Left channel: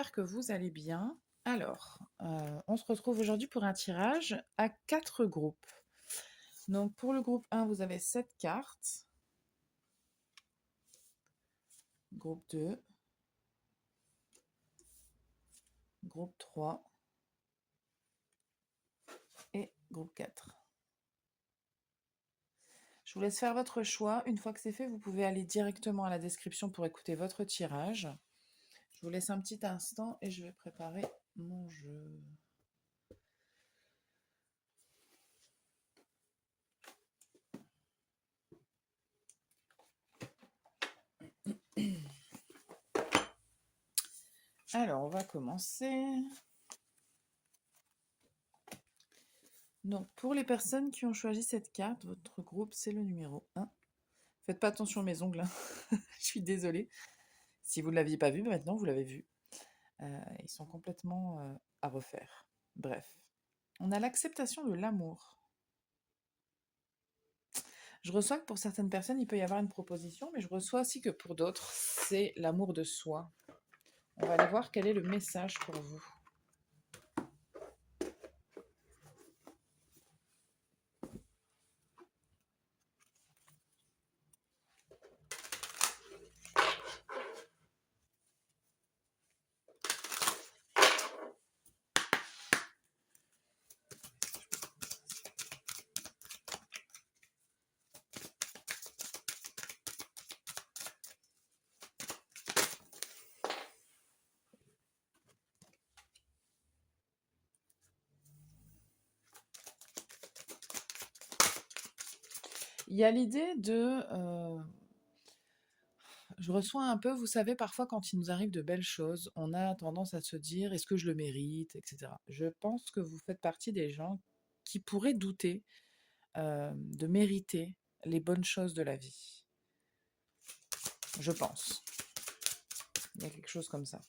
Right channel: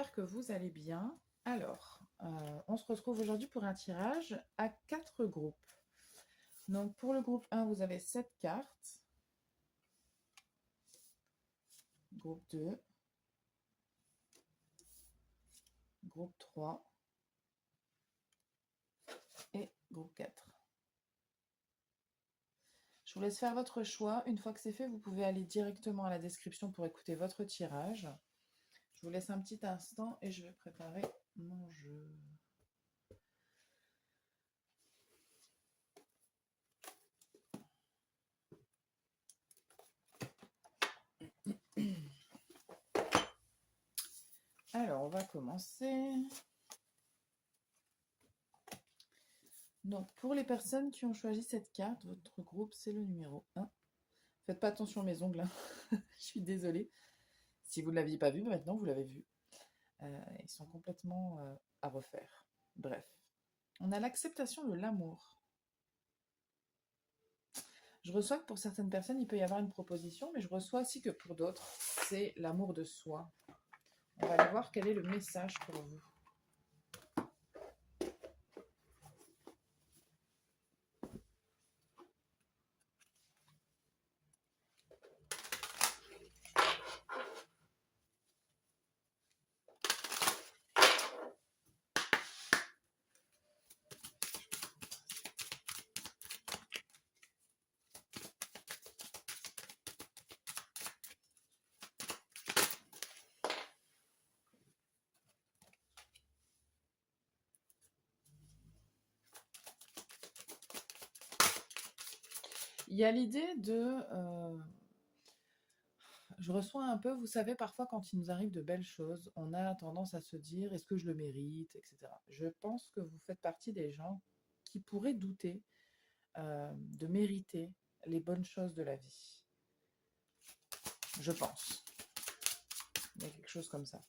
j'espère que vous allez bien. Alors, on se retrouve aujourd'hui pour un tirage à 4 groupes. Donc pour le groupe 1, vous avez 7 cartes. Groupe 2, groupe 3 et groupe 4. Je vous laisse faire votre choix. Une fois que c'est fait, vous pouvez aller directement à la description pour écouter votre tirage. Je vous laisse un petit instant et je vais préparer mon jeu. Alors, on va commencer. Donc, pour les personnes qui ont choisi cette carte, votre groupe, c'est le numéro 1. Faites pas attention à mes ongles, hein. Je suis désolée. Si vous ne l'aviez pas vu, maintenant vous l'avez vu. Ils sont complètement à refaire. Bref. On a l'acceptation de l'amour. Je reçois que pour certaines personnes, il peut y avoir une proposition, mais je reçois aussi que pour d'autres, c'est l'amour de soi. On va aller voir quel est le message pour vous. Il y a l'idée de... je reçois un peu, vous savez, parfois quand il nous arrive de belles choses, on a tendance à se dire, est-ce que je le mérite, etc. Je pense que vous faites partie des gens qui pourraient douter de mériter les bonnes choses de la vie. Je pense. Il y a quelque chose comme ça.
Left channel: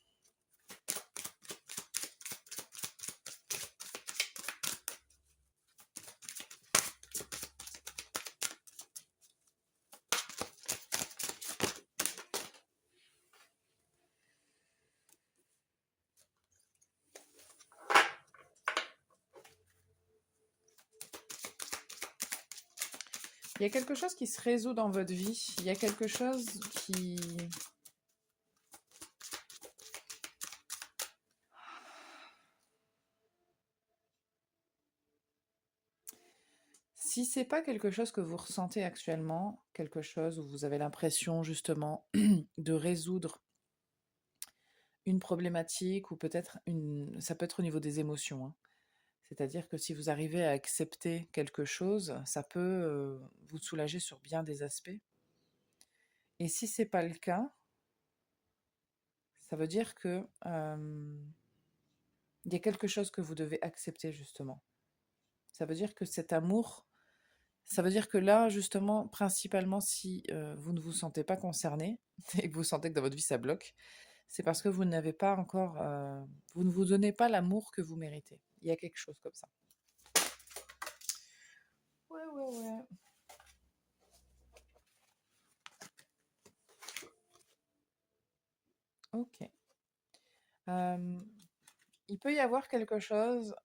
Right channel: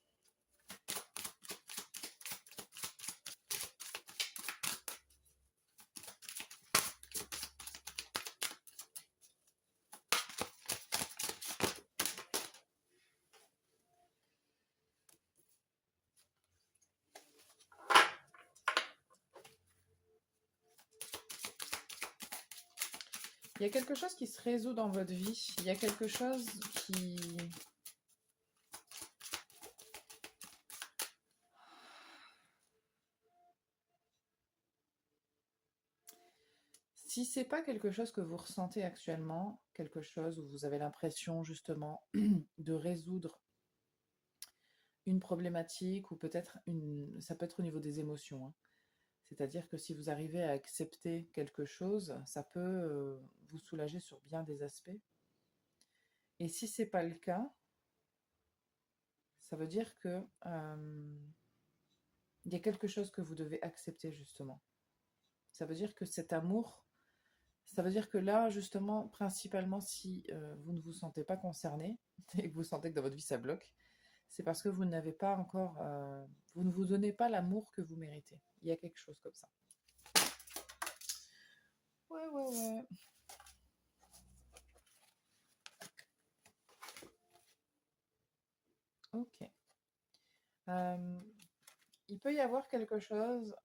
Il y a quelque chose qui se résout dans votre vie. Il y a quelque chose qui... Si c'est pas quelque chose que vous ressentez actuellement, quelque chose où vous avez l'impression justement de résoudre une problématique ou peut-être ça peut être au niveau des émotions, hein. C'est-à-dire que si vous arrivez à accepter quelque chose, ça peut vous soulager sur bien des aspects. Et si c'est pas le cas, ça veut dire que il y a quelque chose que vous devez accepter justement. Ça veut dire que cet amour, ça veut dire que là, justement, principalement, si vous ne vous sentez pas concerné et que vous sentez que dans votre vie ça bloque, c'est parce que vous n'avez pas encore, vous ne vous donnez pas l'amour que vous méritez. Il y a quelque chose comme ça. Ouais, ouais, ouais. Ok. Il peut y avoir quelque chose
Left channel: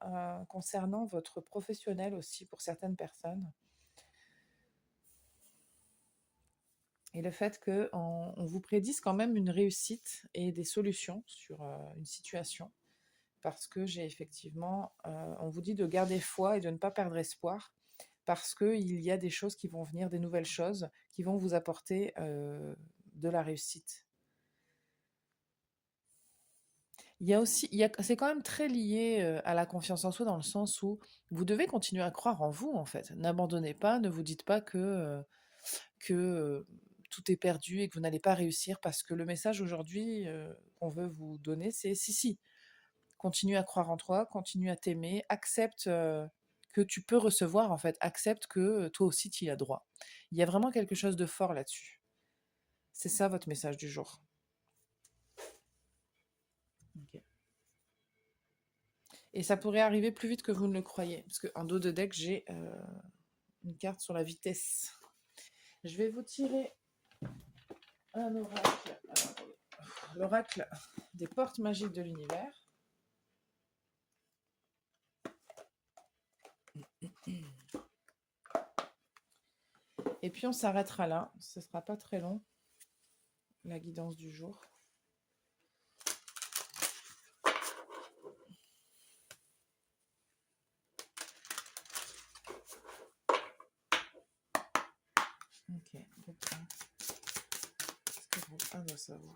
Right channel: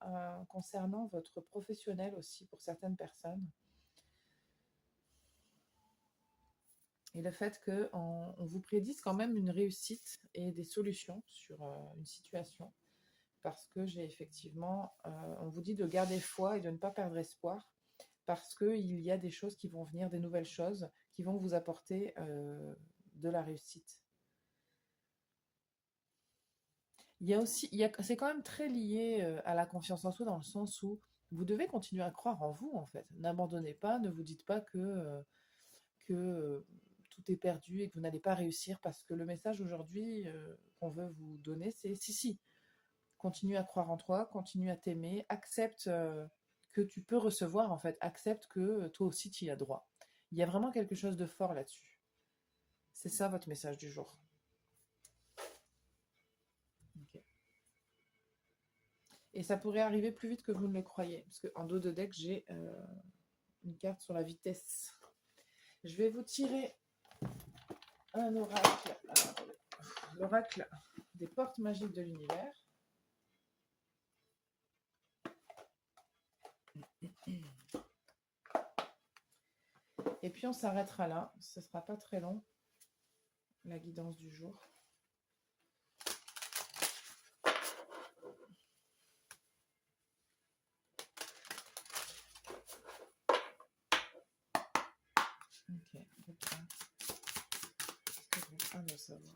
concernant votre professionnel aussi pour certaines personnes. Et le fait qu'on vous prédise quand même une réussite et des solutions sur une situation. Parce que j'ai effectivement, on vous dit de garder foi et de ne pas perdre espoir. Parce qu'il y a des choses qui vont venir, des nouvelles choses qui vont vous apporter de la réussite. Il y a aussi, c'est quand même très lié à la confiance en soi dans le sens où vous devez continuer à croire en vous en fait. N'abandonnez pas, ne vous dites pas que tout est perdu et que vous n'allez pas réussir parce que le message aujourd'hui qu'on veut vous donner, c'est si, si, continue à croire en toi, continue à t'aimer, accepte que tu peux recevoir en fait, accepte que toi aussi tu y as droit. Il y a vraiment quelque chose de fort là-dessus. C'est ça votre message du jour. Ok. Et ça pourrait arriver plus vite que vous ne le croyez. Parce qu'en dos de deck, j'ai une carte sur la vitesse. Je vais vous tirer un oracle. Alors, attendez. L'oracle des portes magiques de l'univers. Et puis on s'arrêtera là, ce ne sera pas très long, la guidance du jour. Ok, reprends. Qu'est-ce que reprends doit savoir?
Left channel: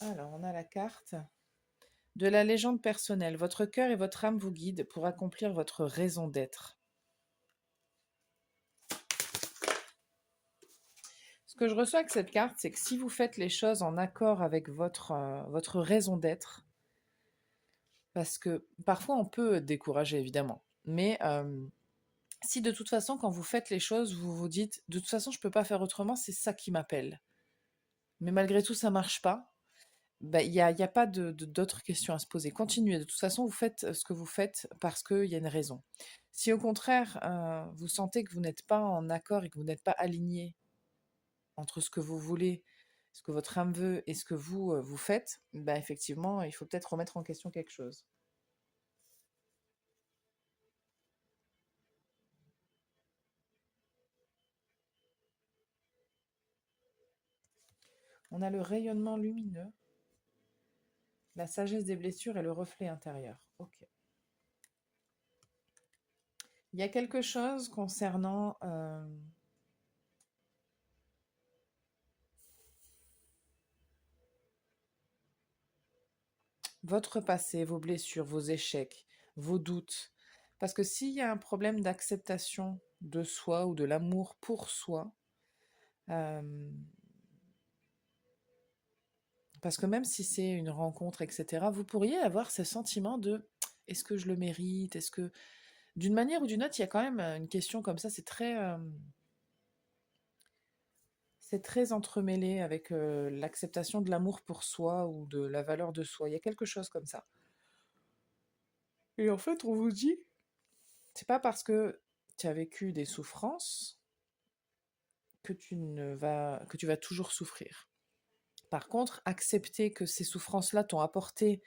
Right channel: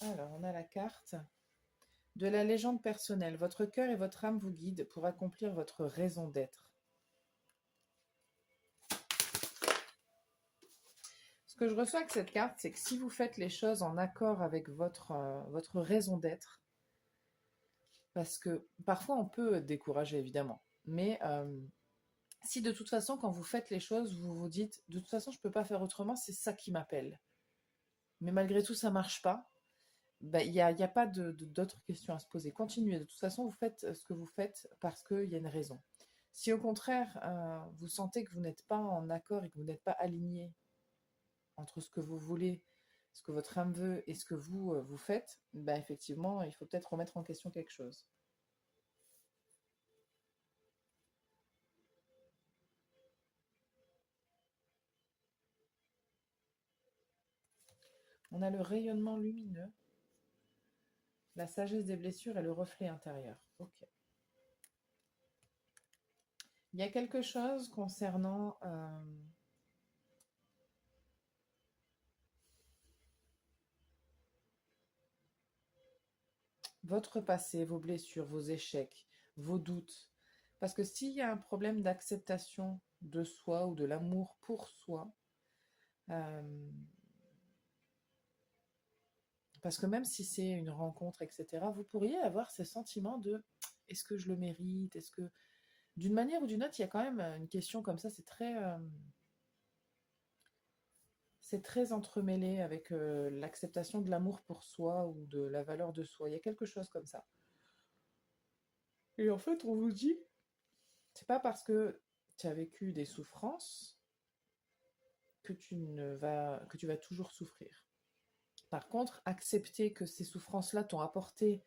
Alors, on a la carte de la légende personnelle. Votre cœur et votre âme vous guident pour accomplir votre raison d'être. Ce que je reçois avec cette carte, c'est que si vous faites les choses en accord avec votre raison d'être, parce que parfois on peut décourager évidemment, mais si de toute façon quand vous faites les choses, vous vous dites de toute façon je ne peux pas faire autrement, c'est ça qui m'appelle. Mais malgré tout ça ne marche pas, bah, y a pas d'autres questions à se poser. Continuez, de toute façon vous faites ce que vous faites parce qu'il y a une raison. Si au contraire vous sentez que vous n'êtes pas en accord et que vous n'êtes pas aligné entre ce que vous voulez, ce que votre âme veut et ce que vous faites, ben effectivement, il faut peut-être remettre en question quelque chose. On a le rayonnement lumineux, la sagesse des blessures et le reflet intérieur. Ok. Il y a quelque chose concernant votre passé, vos blessures, vos échecs, vos doutes. Parce que s'il y a un problème d'acceptation de soi ou de l'amour pour soi, parce que même si c'est une rencontre, etc., vous pourriez avoir ce sentiment de est-ce que je le mérite? Est-ce que d'une manière ou d'une autre, il y a quand même une question comme ça, c'est très entremêlé avec l'acceptation de l'amour pour soi ou de la valeur de soi. Il y a quelque chose comme ça. Et en fait, on vous dit, c'est pas parce que tu as vécu des souffrances que tu vas toujours souffrir. Par contre, accepter que ces souffrances-là t'ont apporté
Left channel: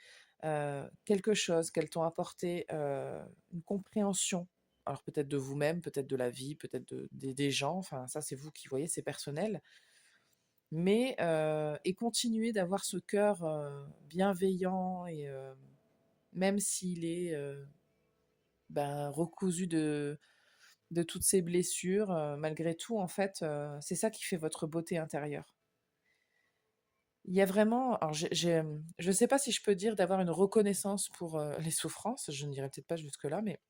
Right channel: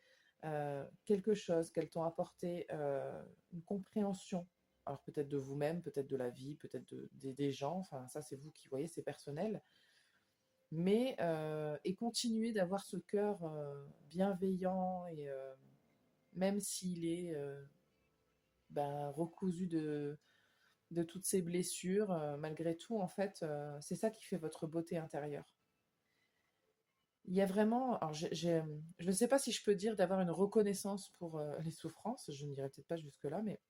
quelque chose, qu'elles t'ont apporté une compréhension, alors peut-être de vous-même, peut-être de la vie, peut-être des gens, enfin ça c'est vous qui voyez, c'est personnel, mais et continuer d'avoir ce cœur bienveillant et même s'il est recousu de toutes ces blessures, malgré tout, en fait, c'est ça qui fait votre beauté intérieure. Il y a vraiment, alors je ne sais pas si je peux dire d'avoir une reconnaissance pour les souffrances, je n'irai peut-être pas jusque-là, mais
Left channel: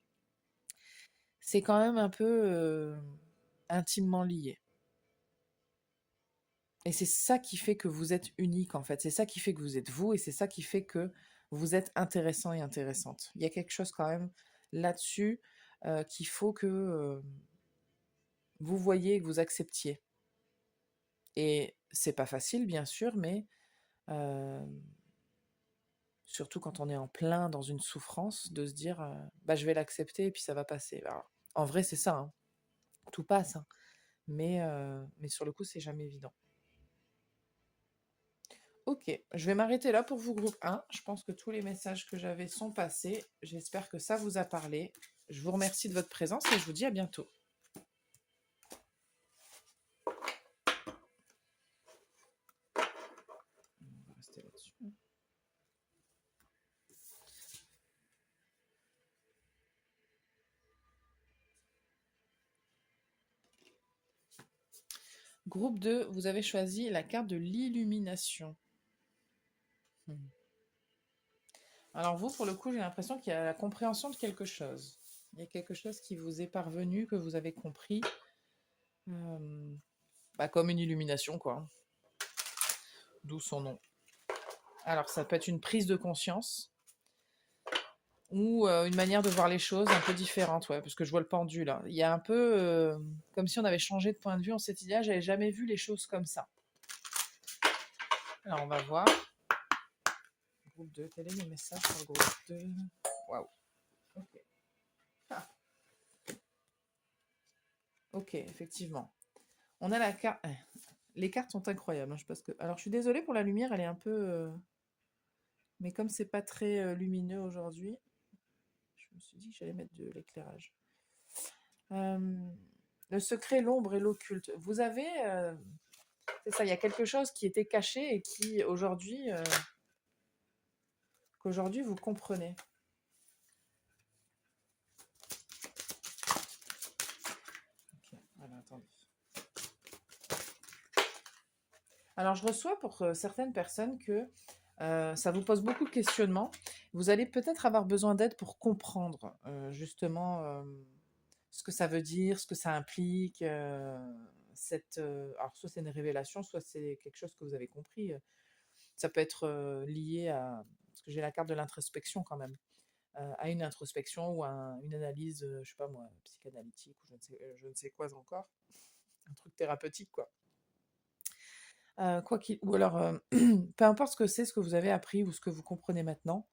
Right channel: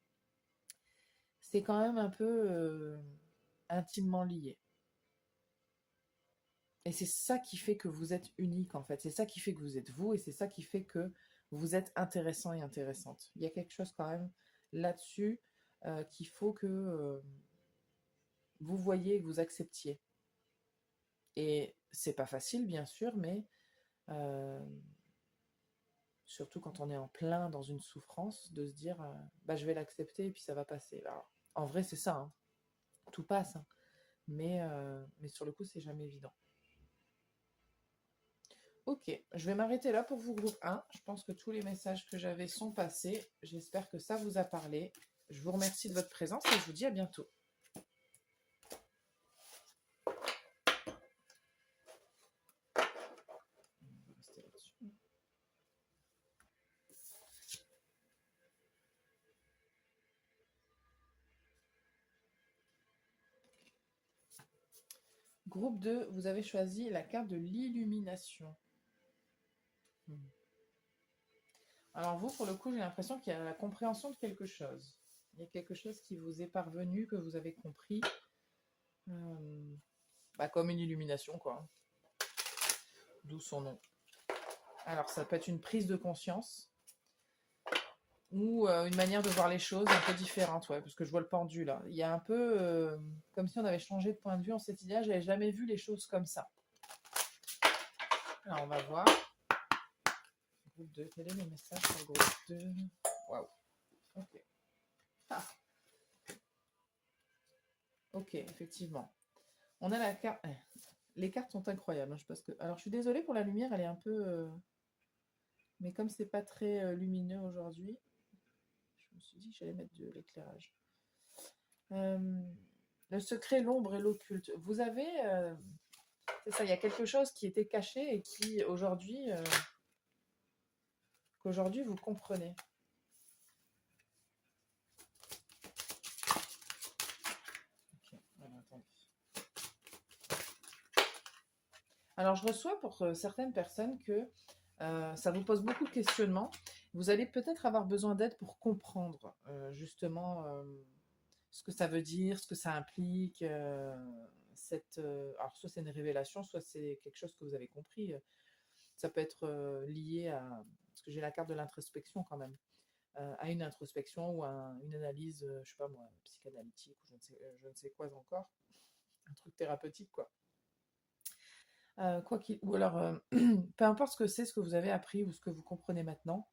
c'est quand même un peu intimement lié. Et c'est ça qui fait que vous êtes unique, en fait. C'est ça qui fait que vous êtes vous, et c'est ça qui fait que vous êtes intéressant et intéressante. Il y a quelque chose quand même là-dessus qu'il faut que vous voyiez et que vous acceptiez. Et c'est pas facile, bien sûr, mais surtout quand on est en plein dans une souffrance, de se dire je vais l'accepter et puis ça va passer. Alors, en vrai, c'est ça, hein. Tout passe, hein. Mais sur le coup, c'est jamais évident. Ok, je vais m'arrêter là pour vous, groupe 1. Je pense que tous les messages que j'avais sont passés. J'espère que ça vous a parlé. Je vous remercie de votre présence et je vous dis à bientôt. On va rester là-dessus. Groupe 2, vous avez choisi la carte de l'illumination. Alors vous, pour le coup, j'ai l'impression qu'il y a la compréhension de quelque chose. Il y a quelque chose qui vous est parvenu, que vous avez compris. Comme une illumination, quoi. D'où son nom. Alors, ça peut être une prise de conscience ou une manière de voir les choses un peu différente, ouais, parce que je vois le pendule. Hein. Il y a un peu comme si on avait changé de point de vue. On s'est dit, ah, j'avais jamais vu les choses comme ça. Alors, on va voir. Groupe 2, quel est le message pour le groupe 2? Waouh. Ok. Ah, ok, effectivement. On a la carte. Les cartes sont incroyables, hein, Alors, je suis désolée pour la lumière, elle est un peu. Mais comme c'est pas très lumineux aujourd'hui, je me suis dit que j'allais mettre de l'éclairage. Euh, le secret, l'ombre et l'occulte. Vous avez. C'est ça, il y a quelque chose qui était caché et qui aujourd'hui. Qu'aujourd'hui vous comprenez. Ok, voilà, attendez. Alors, je reçois pour certaines personnes que ça vous pose beaucoup de questionnements. Vous allez peut-être avoir besoin d'aide pour comprendre justement ce que ça veut dire, ce que ça implique. Alors, soit c'est une révélation, soit c'est quelque chose que vous avez compris. Ça peut être lié à... Parce que j'ai la carte de l'introspection quand même. À une introspection ou à une analyse, je sais pas moi, psychanalytique ou je ne sais quoi encore. Un truc thérapeutique, quoi. Ou alors, peu importe ce que c'est, ce que vous avez appris ou ce que vous comprenez maintenant,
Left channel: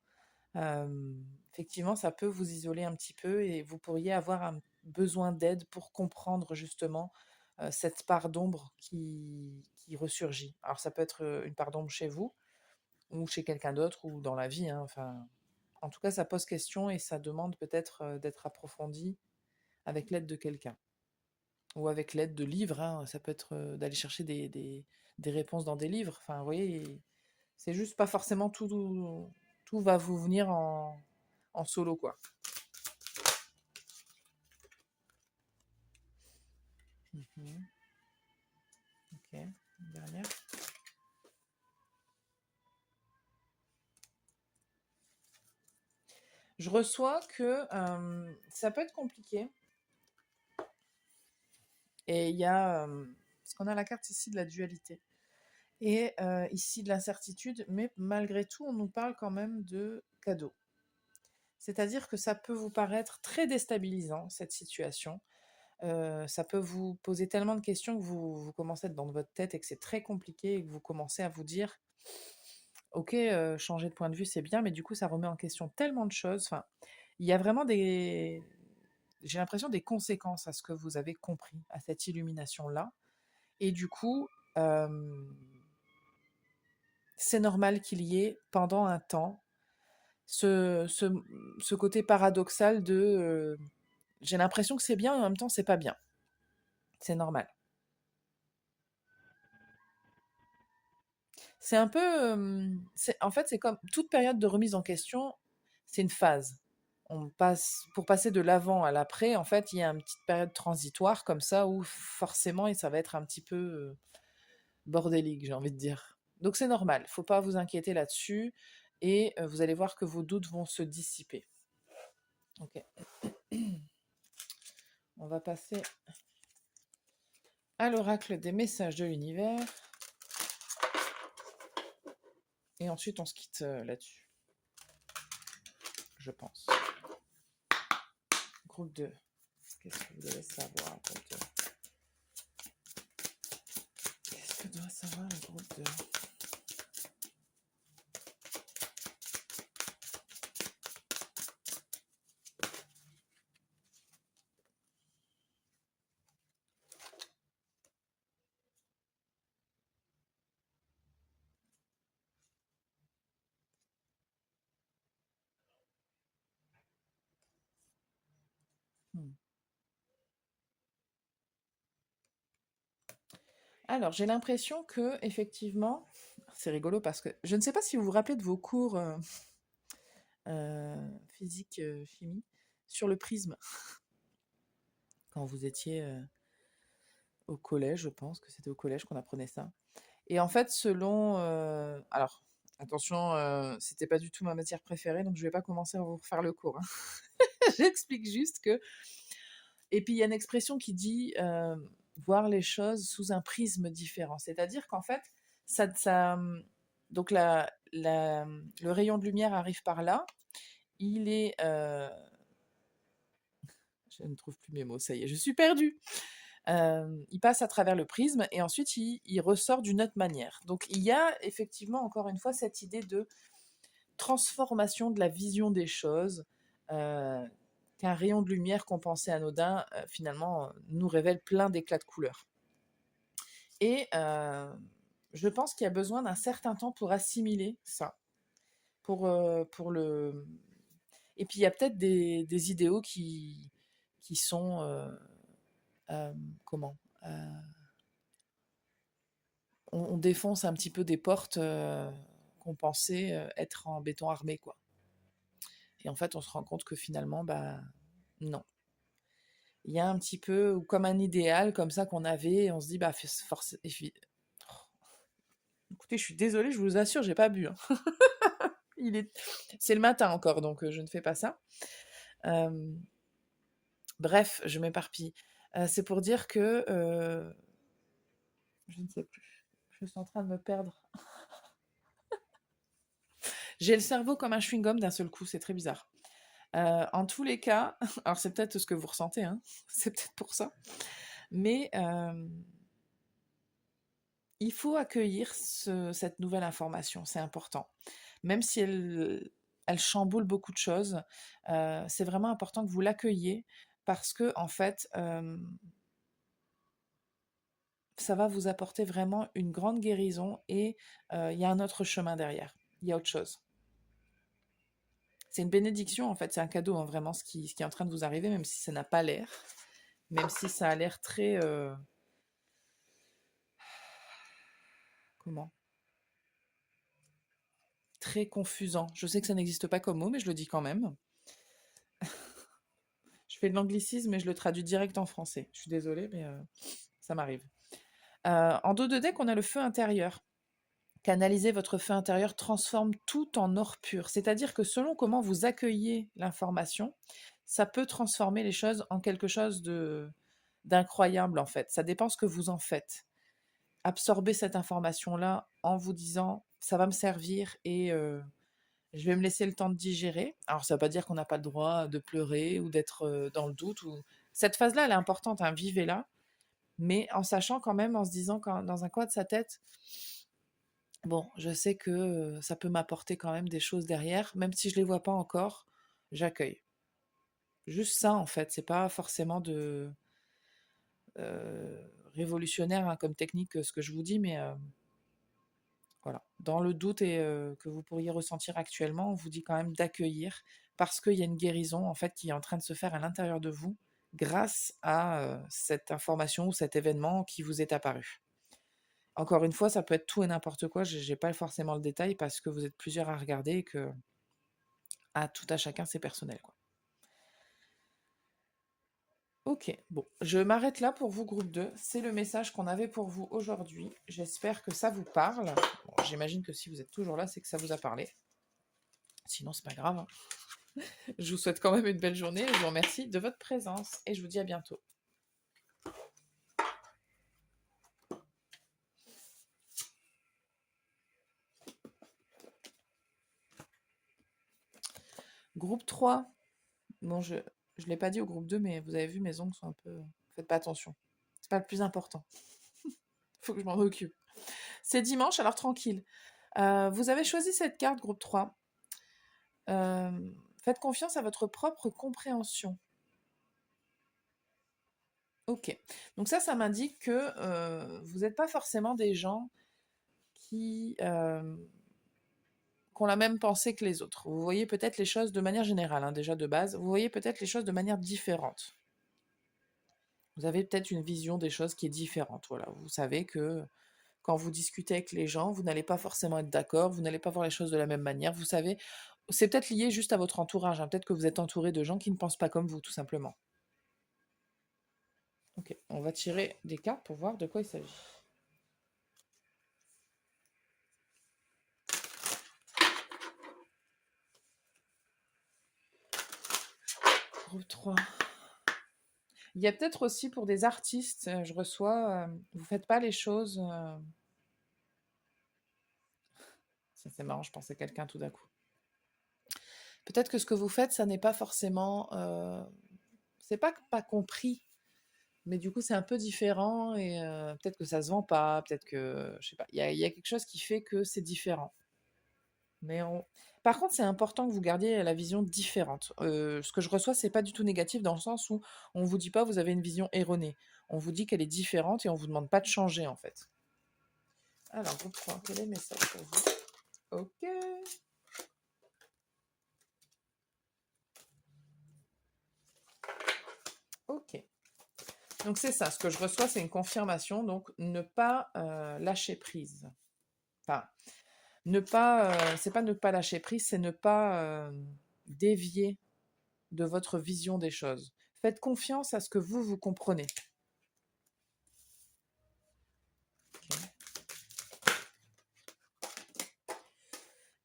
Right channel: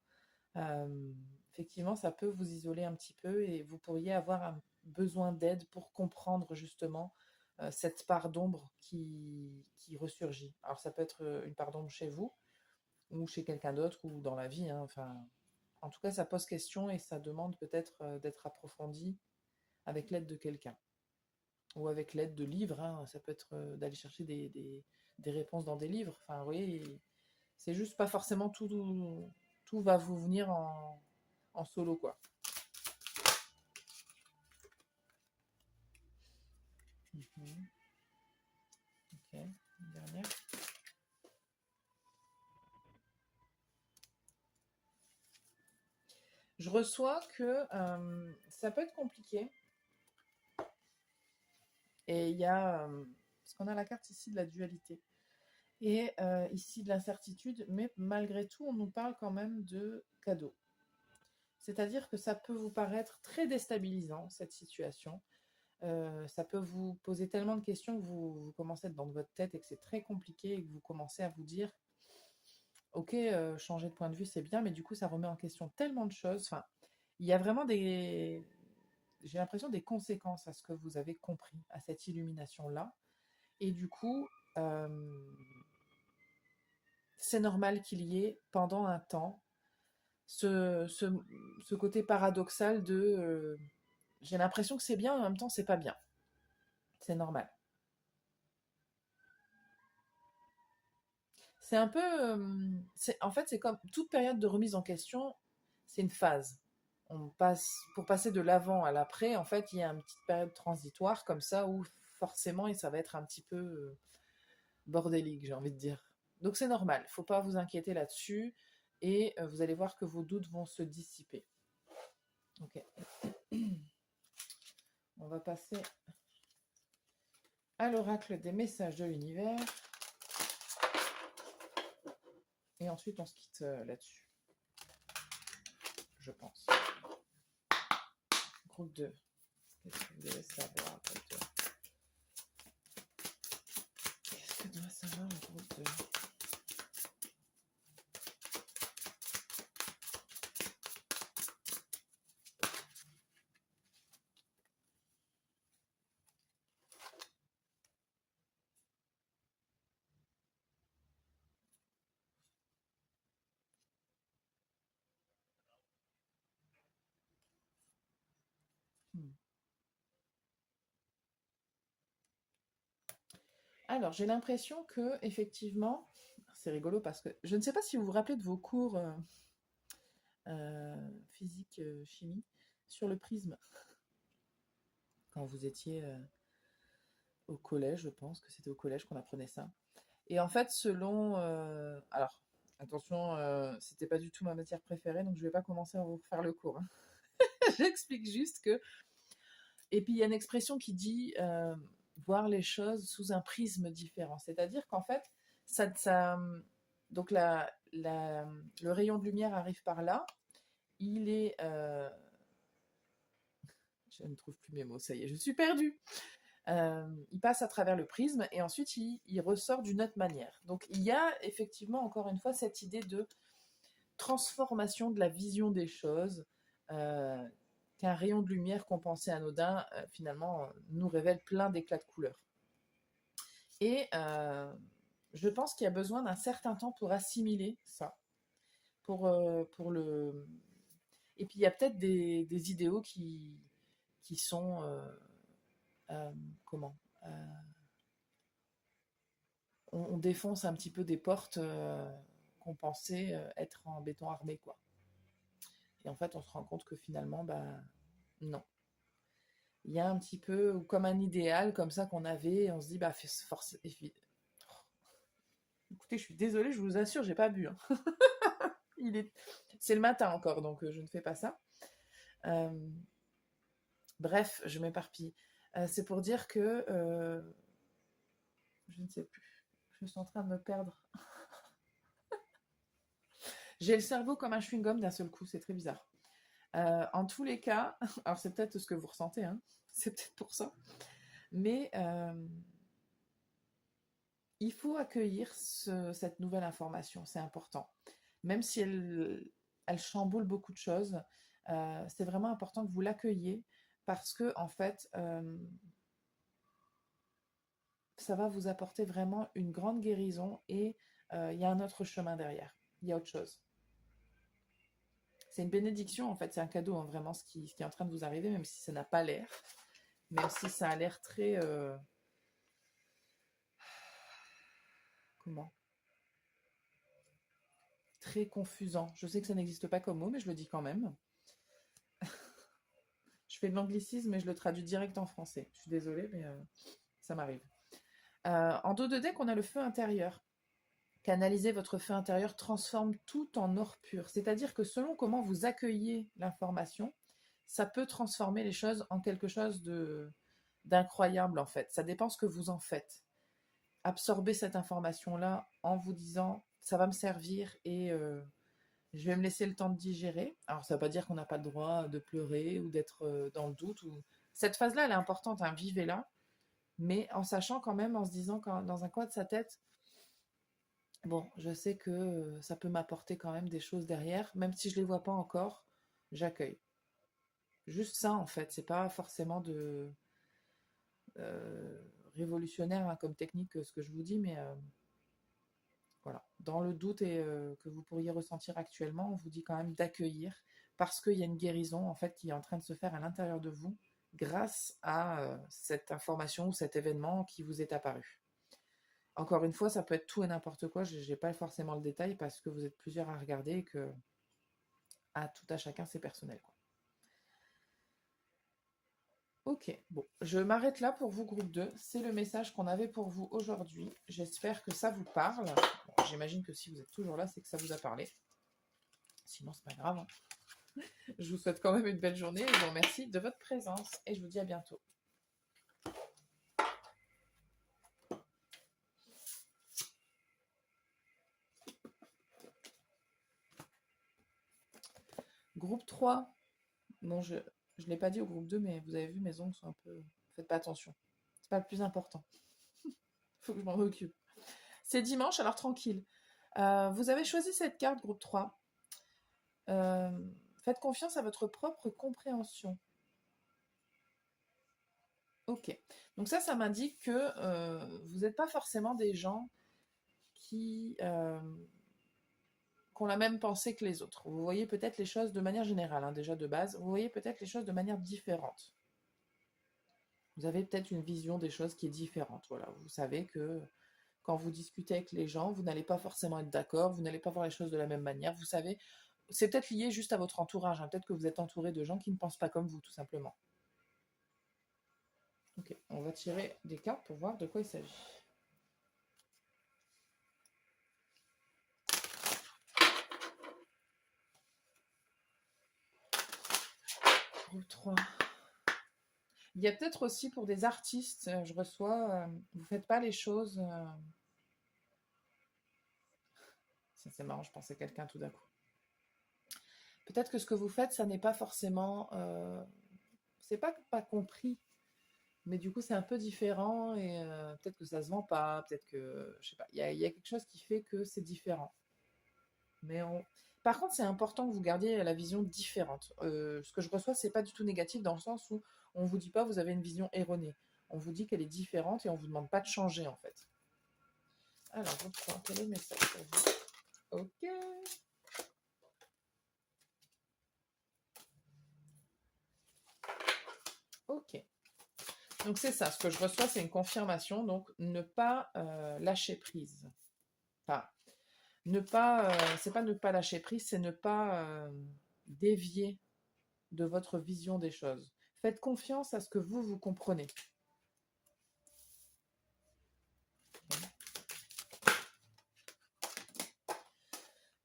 euh, effectivement, ça peut vous isoler un petit peu et vous pourriez avoir un besoin d'aide pour comprendre justement cette part d'ombre qui ressurgit. Alors, ça peut être une part d'ombre chez vous ou chez quelqu'un d'autre ou dans la vie, hein, enfin, en tout cas, ça pose question et ça demande peut-être d'être approfondi avec l'aide de quelqu'un ou avec l'aide de livres, hein. Ça peut être d'aller chercher des réponses dans des livres. Enfin, vous voyez, c'est juste pas forcément tout va vous venir en solo, quoi. Mhm. Ok, une dernière. Je reçois que ça peut être compliqué. Et il y a... parce qu'on a la carte ici de la dualité. Et ici de l'incertitude, mais malgré tout, on nous parle quand même de cadeaux. C'est-à-dire que ça peut vous paraître très déstabilisant, cette situation. Ça peut vous poser tellement de questions que vous commencez à être dans votre tête et que c'est très compliqué et que vous commencez à vous dire, ok, changer de point de vue, c'est bien, mais du coup, ça remet en question tellement de choses. Enfin, il y a vraiment j'ai l'impression des conséquences à ce que vous avez compris, à cette illumination-là. Et du coup, euh, c'est normal qu'il y ait pendant un temps ce, ce, ce côté paradoxal de j'ai l'impression que c'est bien et en même temps c'est pas bien. C'est normal. C'est un peu. En fait, c'est comme toute période de remise en question, c'est une phase. Pour passer de l'avant à l'après, en fait, il y a une petite période transitoire comme ça où forcément, et ça va être un petit peu bordélique, j'ai envie de dire. Donc c'est normal, faut pas vous inquiéter là-dessus et vous allez voir que vos doutes vont se dissiper. Ok, on va passer à l'oracle des messages de l'univers et ensuite on se quitte là-dessus, je pense. Groupe 2. Qu'est-ce que vous devez savoir, groupe 2? Qu'est-ce que doit savoir le groupe 2? Alors, j'ai l'impression que, effectivement, c'est rigolo parce que je ne sais pas si vous vous rappelez de vos cours physique, chimie, sur le prisme, quand vous étiez au collège, je pense que c'était au collège qu'on apprenait ça. Et en fait, selon... alors, attention, c'était pas du tout ma matière préférée, donc je vais pas commencer à vous refaire le cours, hein. J'explique juste que... Et puis, il y a une expression qui dit voir les choses sous un prisme différent. C'est-à-dire qu'en fait, donc le rayon de lumière arrive par là. Il est... je ne trouve plus mes mots, ça y est, je suis perdue. Il passe à travers le prisme et ensuite il ressort d'une autre manière. Donc il y a effectivement, encore une fois, cette idée de transformation de la vision des choses euh, qu'un rayon de lumière qu'on pensait anodin, finalement, nous révèle plein d'éclats de couleurs. Et je pense qu'il y a besoin d'un certain temps pour assimiler ça, pour le... Et puis il y a peut-être des idéaux qui sont... euh, comment on défonce un petit peu des portes qu'on pensait être en béton armé, quoi. Et en fait, on se rend compte que finalement, bah non. Il y a un petit peu, ou comme un idéal, comme ça qu'on avait, et on se dit, bah force. Écoutez, je suis désolée, je vous assure, j'ai pas bu, hein. C'est le matin encore, donc je ne fais pas ça. Euh, Bref, je m'éparpille. C'est pour dire que je ne sais plus. Je suis en train de me perdre. J'ai le cerveau comme un chewing-gum d'un seul coup, c'est très bizarre. En tous les cas, alors c'est peut-être ce que vous ressentez, hein, c'est peut-être pour ça, mais il faut accueillir cette nouvelle information, c'est important. Même si elle chamboule beaucoup de choses, c'est vraiment important que vous l'accueilliez parce que, en fait, ça va vous apporter vraiment une grande guérison et il y a un autre chemin derrière, il y a autre chose. C'est une bénédiction, en fait, c'est un cadeau, hein, vraiment, ce qui est en train de vous arriver, même si ça n'a pas l'air, même si ça a l'air très... comment très confusant. Je sais que ça n'existe pas comme mot, mais je le dis quand même. Je fais de l'anglicisme, mais je le traduis direct en français. Je suis désolée, mais ça m'arrive. En dos de deck, on a le feu intérieur. Canaliser votre feu intérieur transforme tout en or pur. C'est-à-dire que selon comment vous accueillez l'information, ça peut transformer les choses en quelque chose d'incroyable en fait. Ça dépend ce que vous en faites. Absorbez cette information-là en vous disant ça va me servir et je vais me laisser le temps de digérer. Alors ça ne veut pas dire qu'on n'a pas le droit de pleurer ou d'être dans le doute. Cette phase-là, elle est importante, hein, vivez-la, mais en sachant quand même, en se disant dans un coin de sa tête, bon, je sais que ça peut m'apporter quand même des choses derrière, même si je ne les vois pas encore, j'accueille. Juste ça, en fait, c'est pas forcément de euh, révolutionnaire, hein, comme technique ce que je vous dis, mais voilà. Dans le doute et que vous pourriez ressentir actuellement, on vous dit quand même d'accueillir parce qu'il y a une guérison en fait qui est en train de se faire à l'intérieur de vous grâce à cette information ou cet événement qui vous est apparu. Encore une fois, ça peut être tout et n'importe quoi. J'ai pas forcément le détail parce que vous êtes plusieurs à regarder et que à tout à chacun c'est personnel, quoi. Ok, bon, je m'arrête là pour vous, groupe 2. C'est le message qu'on avait pour vous aujourd'hui. J'espère que ça vous parle. Bon, j'imagine que si vous êtes toujours là, c'est que ça vous a parlé. Sinon, c'est pas grave, hein. Je vous souhaite quand même une belle journée. Je vous remercie de votre présence et je vous dis à bientôt. Groupe 3. Bon, je ne l'ai pas dit au groupe 2, mais vous avez vu, mes ongles sont un peu... Faites pas attention. C'est pas le plus important. Faut que je m'en occupe. C'est dimanche, alors tranquille. Vous avez choisi cette carte, groupe 3. Euh, Faites confiance à votre propre compréhension. Ok. Donc ça m'indique que vous n'êtes pas forcément des gens qui ont la même pensée que les autres. Vous voyez peut-être les choses de manière générale, hein, déjà de base, vous voyez peut-être les choses de manière différente. Vous avez peut-être une vision des choses qui est différente. Voilà. Vous savez que quand vous discutez avec les gens, vous n'allez pas forcément être d'accord, vous n'allez pas voir les choses de la même manière. Vous savez, c'est peut-être lié juste à votre entourage, hein. Peut-être que vous êtes entouré de gens qui ne pensent pas comme vous, tout simplement. Ok, on va tirer des cartes pour voir de quoi il s'agit. Groupe 3. Il y a peut-être aussi pour des artistes, je reçois, vous faites pas les choses. Ça c'est marrant, je pensais quelqu'un tout d'un coup. Peut-être que ce que vous faites, ça n'est pas forcément, c'est pas compris, mais du coup c'est un peu différent et peut-être que ça se vend pas, peut-être que je sais pas. Il y a quelque chose qui fait que c'est différent. Mais par contre, c'est important que vous gardiez la vision différente. Ce que je reçois, c'est pas du tout négatif dans le sens où on vous dit pas vous avez une vision erronée. On vous dit qu'elle est différente et on vous demande pas de changer en fait. Alors, je prends quel est le message pour vous? Ok. Ok. Donc c'est ça, ce que je reçois, c'est une confirmation. Donc ne pas lâcher prise. Enfin, ne pas, c'est pas ne pas lâcher prise, c'est ne pas dévier de votre vision des choses. Faites confiance à ce que vous comprenez. Okay.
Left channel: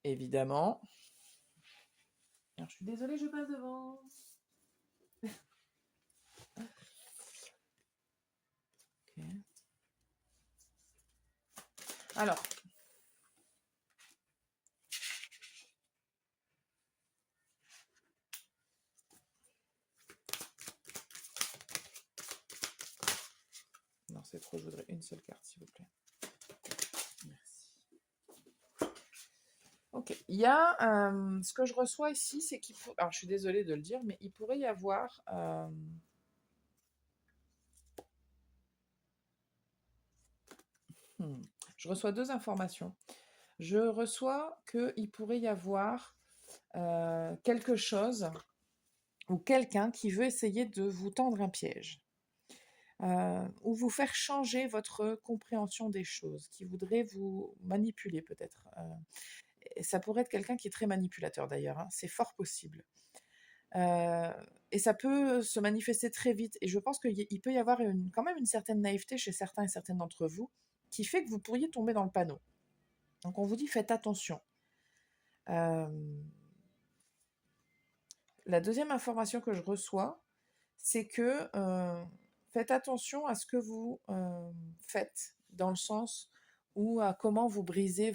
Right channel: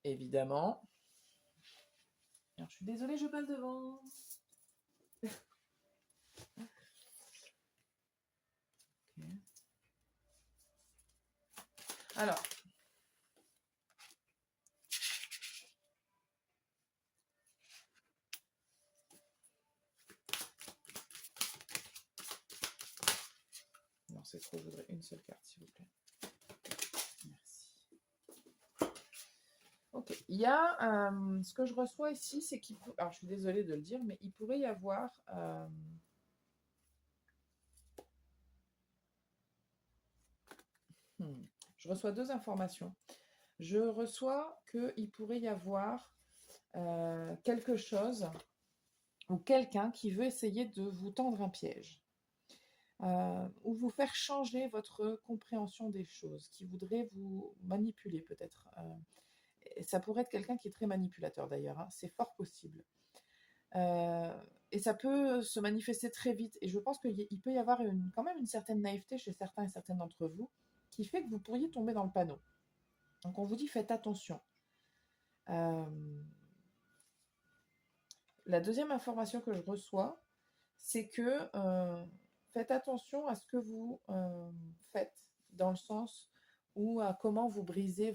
Évidemment. Alors, je suis désolée, je passe devant. Okay. Alors, non, c'est trop, je voudrais une seule carte, s'il vous plaît. Merci. Ok, il y a ce que je reçois ici, c'est qu'il faut. Alors, je suis désolée de le dire, mais il pourrait y avoir. Je reçois deux informations. Je reçois qu'il pourrait y avoir quelque chose ou quelqu'un qui veut essayer de vous tendre un piège. Ou vous faire changer votre compréhension des choses, qui voudrait vous manipuler peut-être. Et ça pourrait être quelqu'un qui est très manipulateur d'ailleurs, hein, c'est fort possible. Et ça peut se manifester très vite. Et je pense qu'il peut y avoir quand même une certaine naïveté chez certains et certaines d'entre vous qui fait que vous pourriez tomber dans le panneau. Donc on vous dit faites attention. La deuxième information que je reçois, c'est que faites attention à ce que vous faites, dans le sens où à comment vous brisez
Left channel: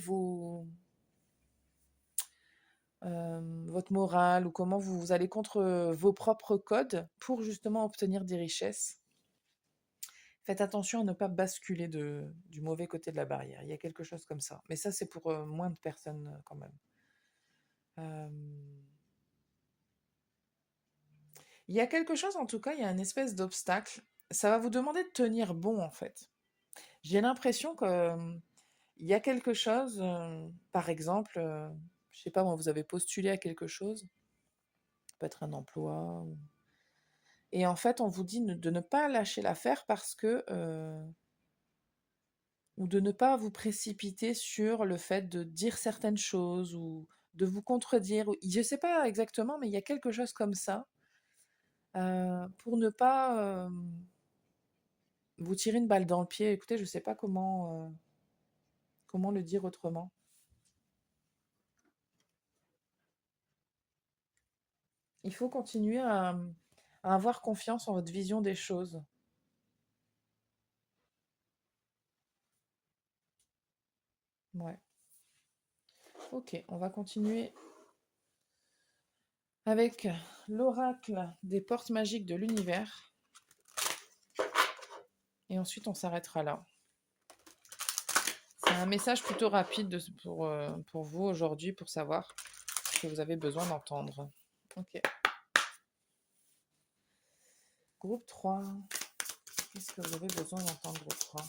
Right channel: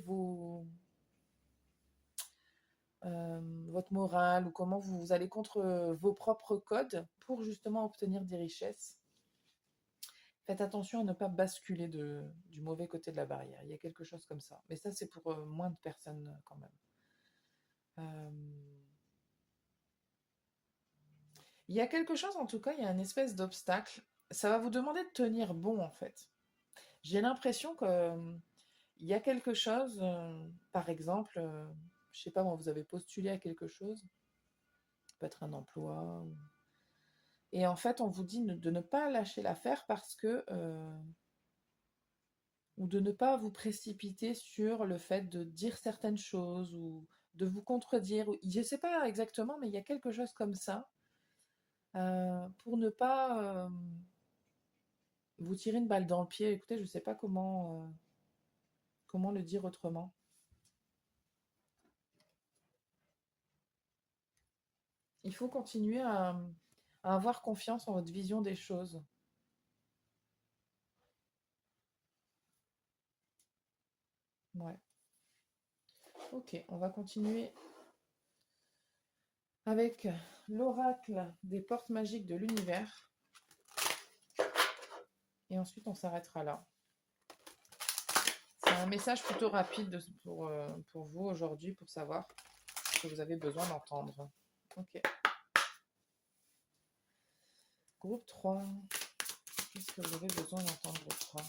votre morale ou comment vous allez contre vos propres codes pour justement obtenir des richesses. Faites attention à ne pas basculer du mauvais côté de la barrière. Il y a quelque chose comme ça. Mais ça, c'est pour moins de personnes quand même. Il y a quelque chose, en tout cas, il y a une espèce d'obstacle. Ça va vous demander de tenir bon, en fait. J'ai l'impression que il y a quelque chose, par exemple, je sais pas moi, vous avez postulé à quelque chose, ça peut être un emploi, et en fait, on vous dit de ne pas lâcher l'affaire parce que, ou de ne pas vous précipiter sur le fait de dire certaines choses ou de vous contredire. Je sais pas exactement, mais il y a quelque chose comme ça, pour ne pas vous tirer une balle dans le pied. Écoutez, je sais pas comment le dire autrement. Il faut continuer à avoir confiance en votre vision des choses. Ouais. Ok, on va continuer avec l'oracle des portes magiques de l'univers. Et ensuite, on s'arrêtera là. C'est un message plutôt rapide pour vous aujourd'hui, pour savoir ce que vous avez besoin d'entendre. Ok. Groupe 3. Qu'est-ce que vous avez besoin d'entendre, groupe 3?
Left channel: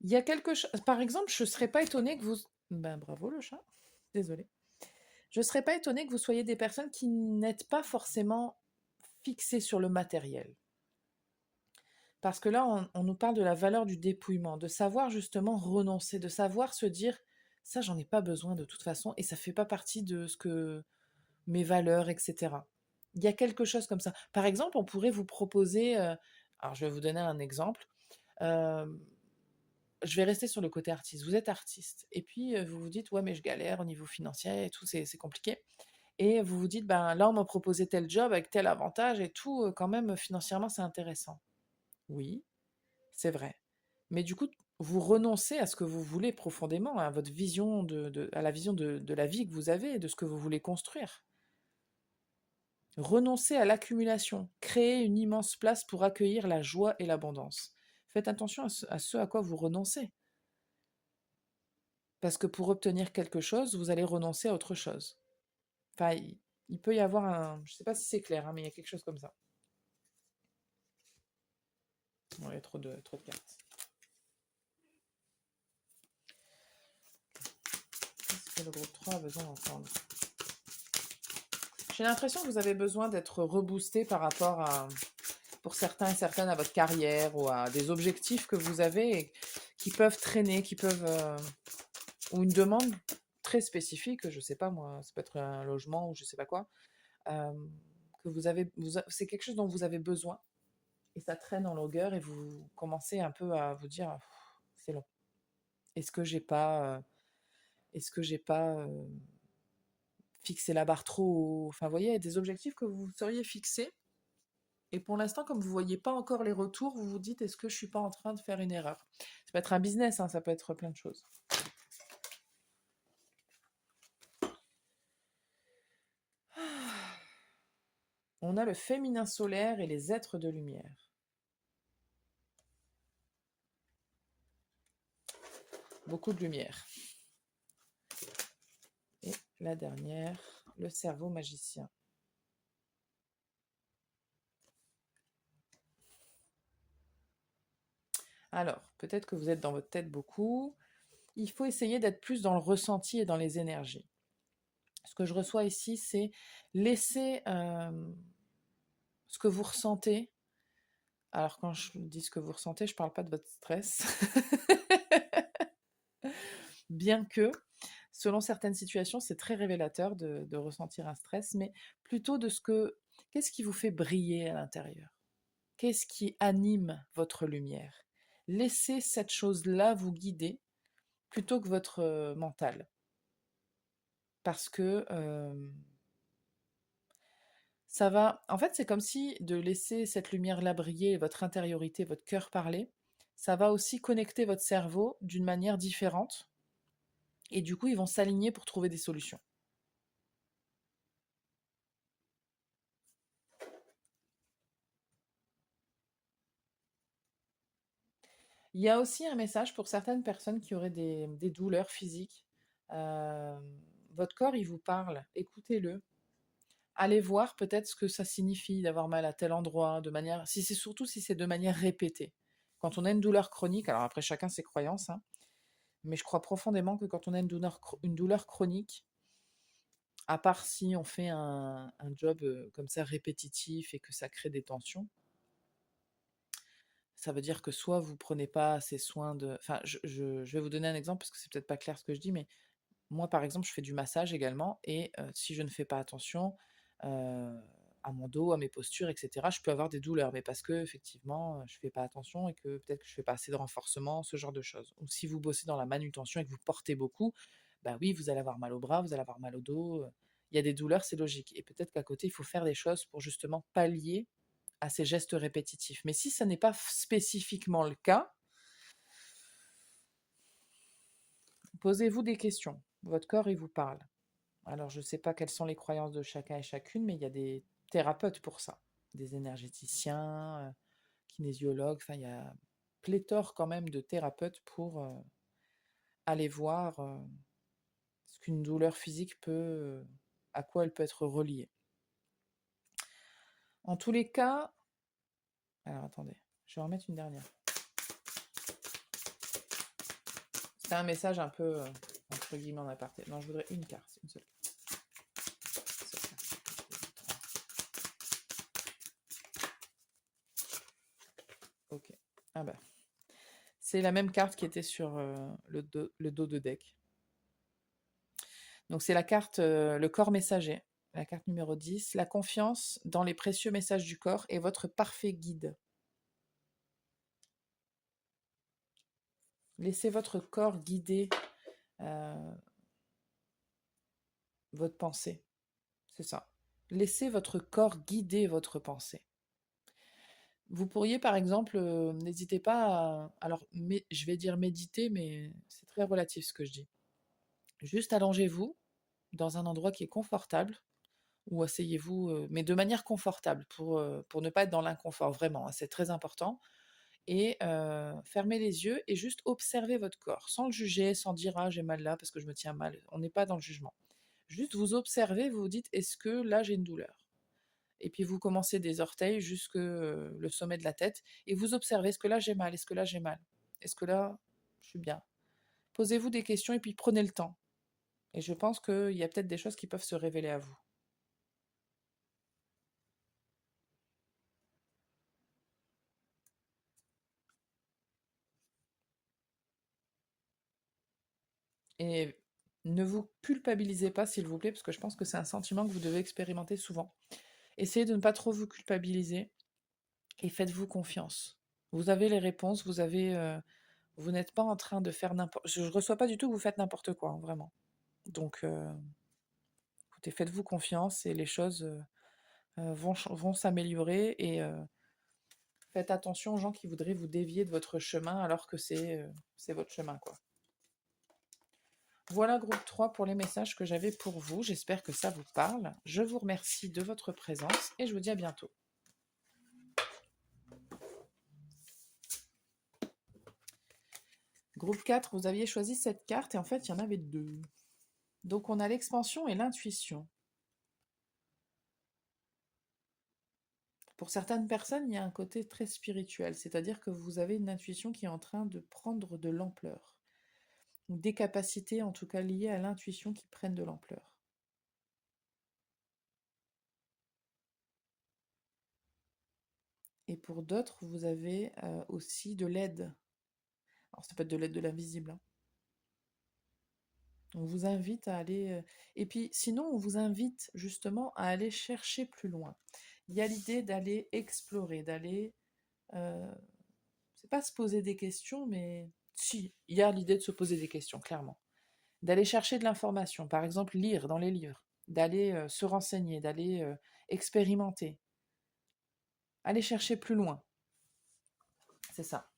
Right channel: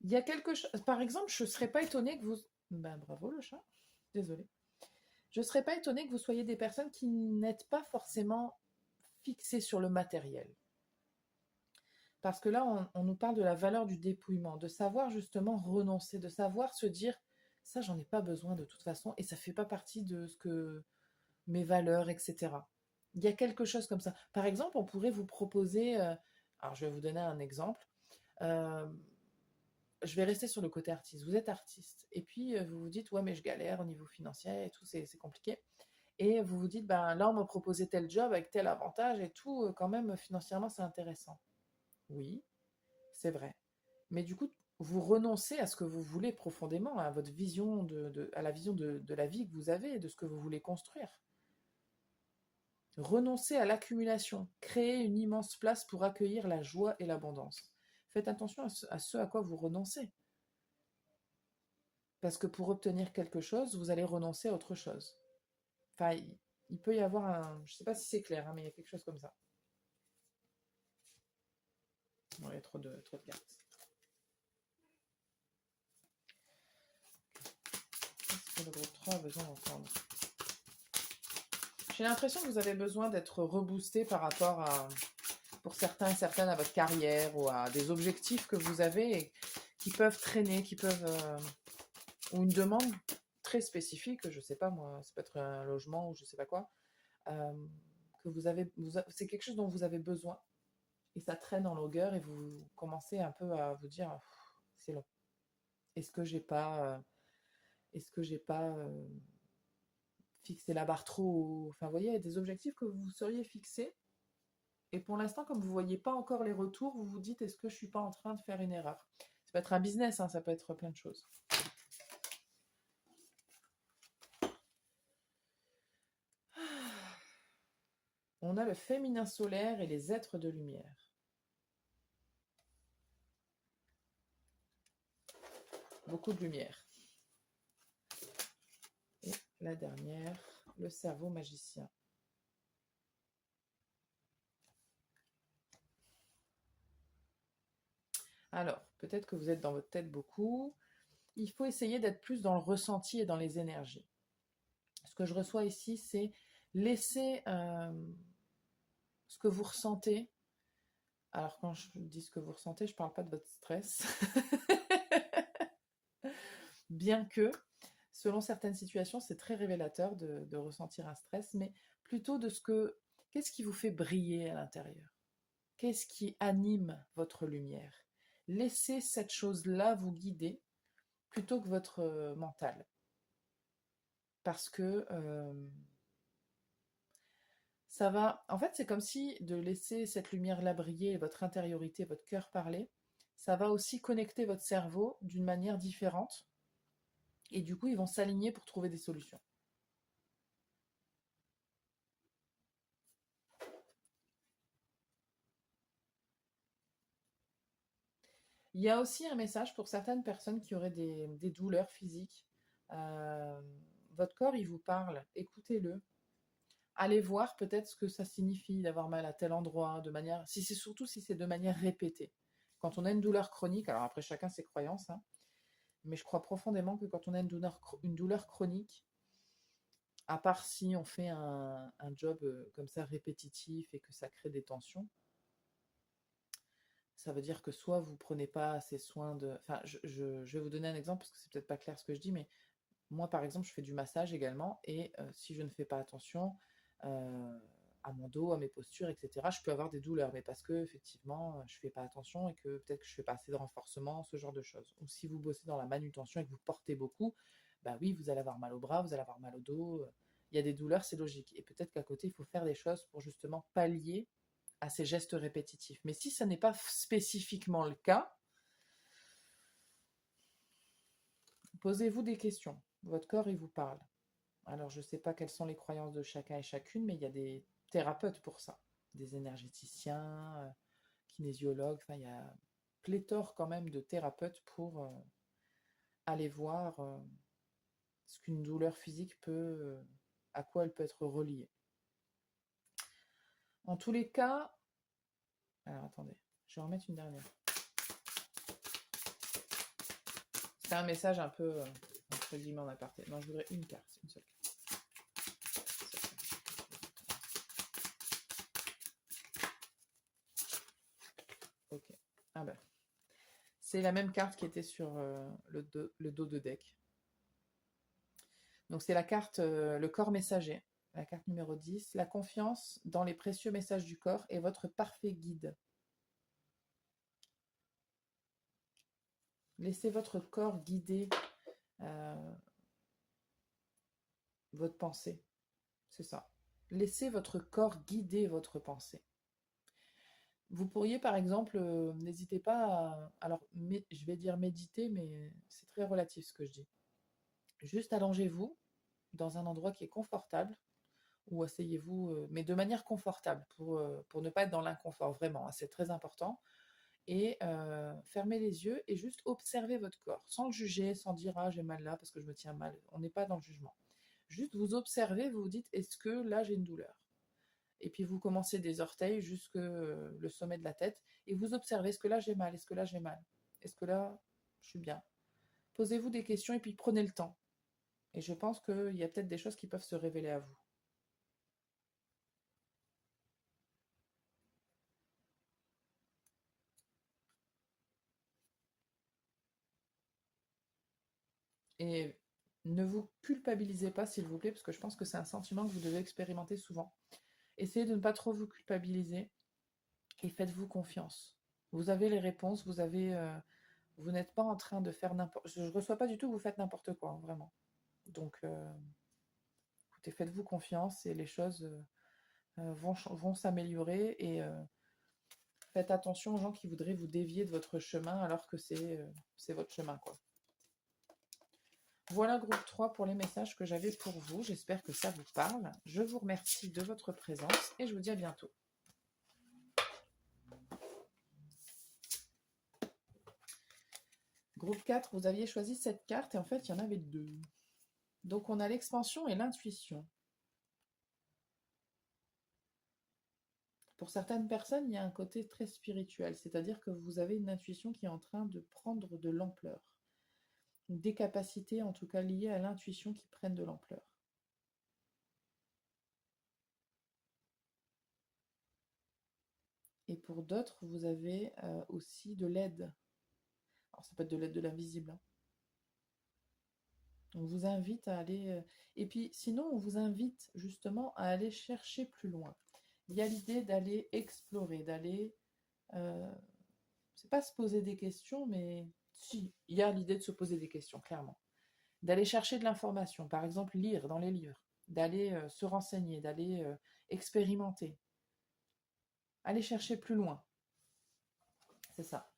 Il y a quelque chose. Par exemple, je ne serais pas étonnée que vous. Ben, bravo le chat. Désolée. Je ne serais pas étonnée que vous soyez des personnes qui n'êtes pas forcément fixées sur le matériel. Parce que là, on nous parle de la valeur du dépouillement, de savoir justement renoncer, de savoir se dire, ça, j'en ai pas besoin de toute façon, et ça fait pas partie de ce que mes valeurs, etc. Il y a quelque chose comme ça. Par exemple, on pourrait vous proposer, alors je vais vous donner un exemple. Euh, je vais rester sur le côté artiste. Vous êtes artiste, et puis vous vous dites, ouais, mais je galère au niveau financier et tout, c'est compliqué. Et vous vous dites, ben là, on m'a proposé tel job avec tel avantage et tout, quand même, financièrement, c'est intéressant. Oui, c'est vrai. Mais du coup, vous renoncez à ce que vous voulez profondément, à votre vision à la vision de la vie que vous avez, de ce que vous voulez construire. Renoncez à l'accumulation, créez une immense place pour accueillir la joie et l'abondance. Faites attention à ce à quoi vous renoncez. Parce que pour obtenir quelque chose, vous allez renoncer à autre chose. Enfin, il peut y avoir un... Je ne sais pas si c'est clair, hein, mais il y a quelque chose comme ça. Bon, il y a trop de cartes. Qu'est-ce que le groupe 3 a besoin d'entendre? J'ai l'impression que vous avez besoin d'être reboosté par rapport à, pour certains et certaines, à votre carrière ou à des objectifs que vous avez et qui peuvent traîner, qui peuvent... ou une demande très spécifique, je ne sais pas moi, ça peut être un logement ou je ne sais pas quoi, que c'est quelque chose dont vous avez besoin et ça traîne en longueur et vous commencez un peu à vous dire c'est long. Est-ce que j'ai pas fixé la barre trop haut? Enfin, vous voyez, des objectifs que vous seriez fixés et pour l'instant, comme vous voyez pas encore les retours, vous vous dites est-ce que je suis pas en train de faire une erreur? Ça peut être un business, hein, ça peut être plein de choses. On a le féminin solaire et les êtres de lumière. Beaucoup de lumière. Et la dernière, le cerveau magicien. Alors, peut-être que vous êtes dans votre tête beaucoup. Il faut essayer d'être plus dans le ressenti et dans les énergies. Ce que je reçois ici, c'est laisser ce que vous ressentez. Alors, quand je dis ce que vous ressentez, je ne parle pas de votre stress. Bien que, selon certaines situations, c'est très révélateur de ressentir un stress, mais plutôt de qu'est-ce qui vous fait briller à l'intérieur? Qu'est-ce qui anime votre lumière? Laissez cette chose-là vous guider plutôt que votre mental. Parce que ça va... En fait, c'est comme si de laisser cette lumière-là briller, votre intériorité, votre cœur parler, ça va aussi connecter votre cerveau d'une manière différente. Et du coup, ils vont s'aligner pour trouver des solutions. Il y a aussi un message pour certaines personnes qui auraient des douleurs physiques. Euh, Votre corps, il vous parle, écoutez-le. Allez voir peut-être ce que ça signifie d'avoir mal à tel endroit, surtout si c'est de manière répétée. Quand on a une douleur chronique, alors après chacun ses croyances, hein, mais je crois profondément que quand on a une douleur chronique, à part si on fait un job comme ça répétitif et que ça crée des tensions, ça veut dire que soit vous prenez pas assez soin de... Enfin, je vais vous donner un exemple parce que c'est peut-être pas clair ce que je dis, mais moi, par exemple, je fais du massage également et si je ne fais pas attention à mon dos, à mes postures, etc., je peux avoir des douleurs, mais parce que effectivement, je fais pas attention et que peut-être que je fais pas assez de renforcement, ce genre de choses. Ou si vous bossez dans la manutention et que vous portez beaucoup, bah oui, vous allez avoir mal au bras, vous allez avoir mal au dos. Il y a des douleurs, c'est logique. Et peut-être qu'à côté, il faut faire des choses pour justement pallier à ces gestes répétitifs. Mais si ça n'est pas spécifiquement le cas, posez-vous des questions. Votre corps, il vous parle. Alors, je ne sais pas quelles sont les croyances de chacun et chacune, mais il y a des thérapeutes pour ça. Des énergéticiens, kinésiologues, enfin, il y a pléthore quand même de thérapeutes pour aller voir ce qu'une douleur physique à quoi elle peut être reliée. En tous les cas, alors attendez, je vais en remettre une dernière. C'était un message un peu, entre guillemets, en aparté. Non, je voudrais une carte, une seule carte. Ok. Ah ben. C'est la même carte qui était sur le dos de deck. Donc c'est la carte, le corps messager, la carte numéro 10, la confiance dans les précieux messages du corps est votre parfait guide. Laissez votre corps guider votre pensée. C'est ça. Laissez votre corps guider votre pensée. Vous pourriez, par exemple, n'hésitez pas alors, je vais dire méditer, mais c'est très relatif ce que je dis. Juste allongez-vous dans un endroit qui est confortable, ou asseyez-vous, mais de manière confortable pour ne pas être dans l'inconfort, vraiment, hein, c'est très important. Et fermez les yeux et juste observez votre corps, sans le juger, sans dire ah j'ai mal là parce que je me tiens mal. On n'est pas dans le jugement. Juste vous observez, vous vous dites est-ce que là j'ai une douleur? Et puis vous commencez des orteils jusque le sommet de la tête et vous observez est-ce que là j'ai mal? Est-ce que là j'ai mal? Est-ce que là je suis bien? Posez-vous des questions et puis prenez le temps. Et je pense qu'il y a peut-être des choses qui peuvent se révéler à vous. Et ne vous culpabilisez pas, s'il vous plaît, parce que je pense que c'est un sentiment que vous devez expérimenter souvent. Essayez de ne pas trop vous culpabiliser et faites-vous confiance. Vous avez les réponses, vous n'êtes pas en train de faire n'importe. Je ne reçois pas du tout que vous faites n'importe quoi, hein, vraiment. Donc, écoutez, faites-vous confiance et les choses vont s'améliorer et faites attention aux gens qui voudraient vous dévier de votre chemin alors que c'est votre chemin, quoi. Voilà, groupe 3 pour les messages que j'avais pour vous. J'espère que ça vous parle. Je vous remercie de votre présence et je vous dis à bientôt. Groupe 4, vous aviez choisi cette carte et en fait, il y en avait deux. Donc, on a l'expansion et l'intuition. Pour certaines personnes, il y a un côté très spirituel, c'est-à-dire que vous avez une intuition qui est en train de prendre de l'ampleur. Des capacités, en tout cas liées à l'intuition, qui prennent de l'ampleur. Et pour d'autres, vous avez aussi de l'aide. Alors, ça peut être de l'aide de l'invisible, hein. On vous invite à aller. Et puis, sinon, on vous invite justement à aller chercher plus loin. Il y a l'idée d'aller explorer, d'aller. C'est pas se poser des questions, mais si, il y a l'idée de se poser des questions, clairement. D'aller chercher de l'information, par exemple, lire dans les livres, d'aller se renseigner, d'aller expérimenter, aller chercher plus loin. C'est ça.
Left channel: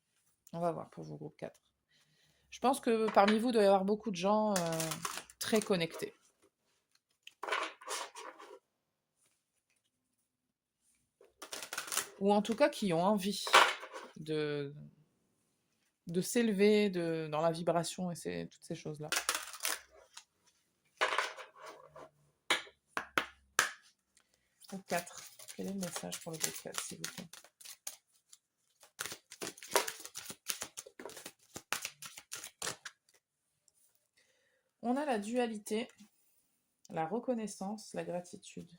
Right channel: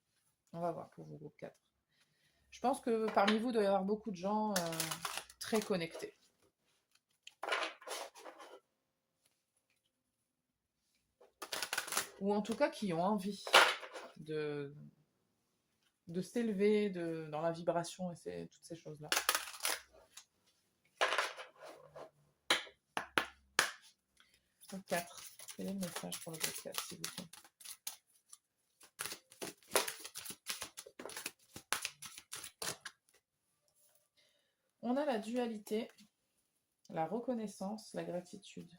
On va voir pour vos groupes 4. Je pense que parmi vous, il doit y avoir beaucoup de gens très connectés. Ou en tout cas qui ont envie de, de s'élever dans la vibration et toutes ces choses-là. Groupe 4. Quel est le message pour le groupe 4, s'il vous plaît? On a la dualité, la reconnaissance, la gratitude.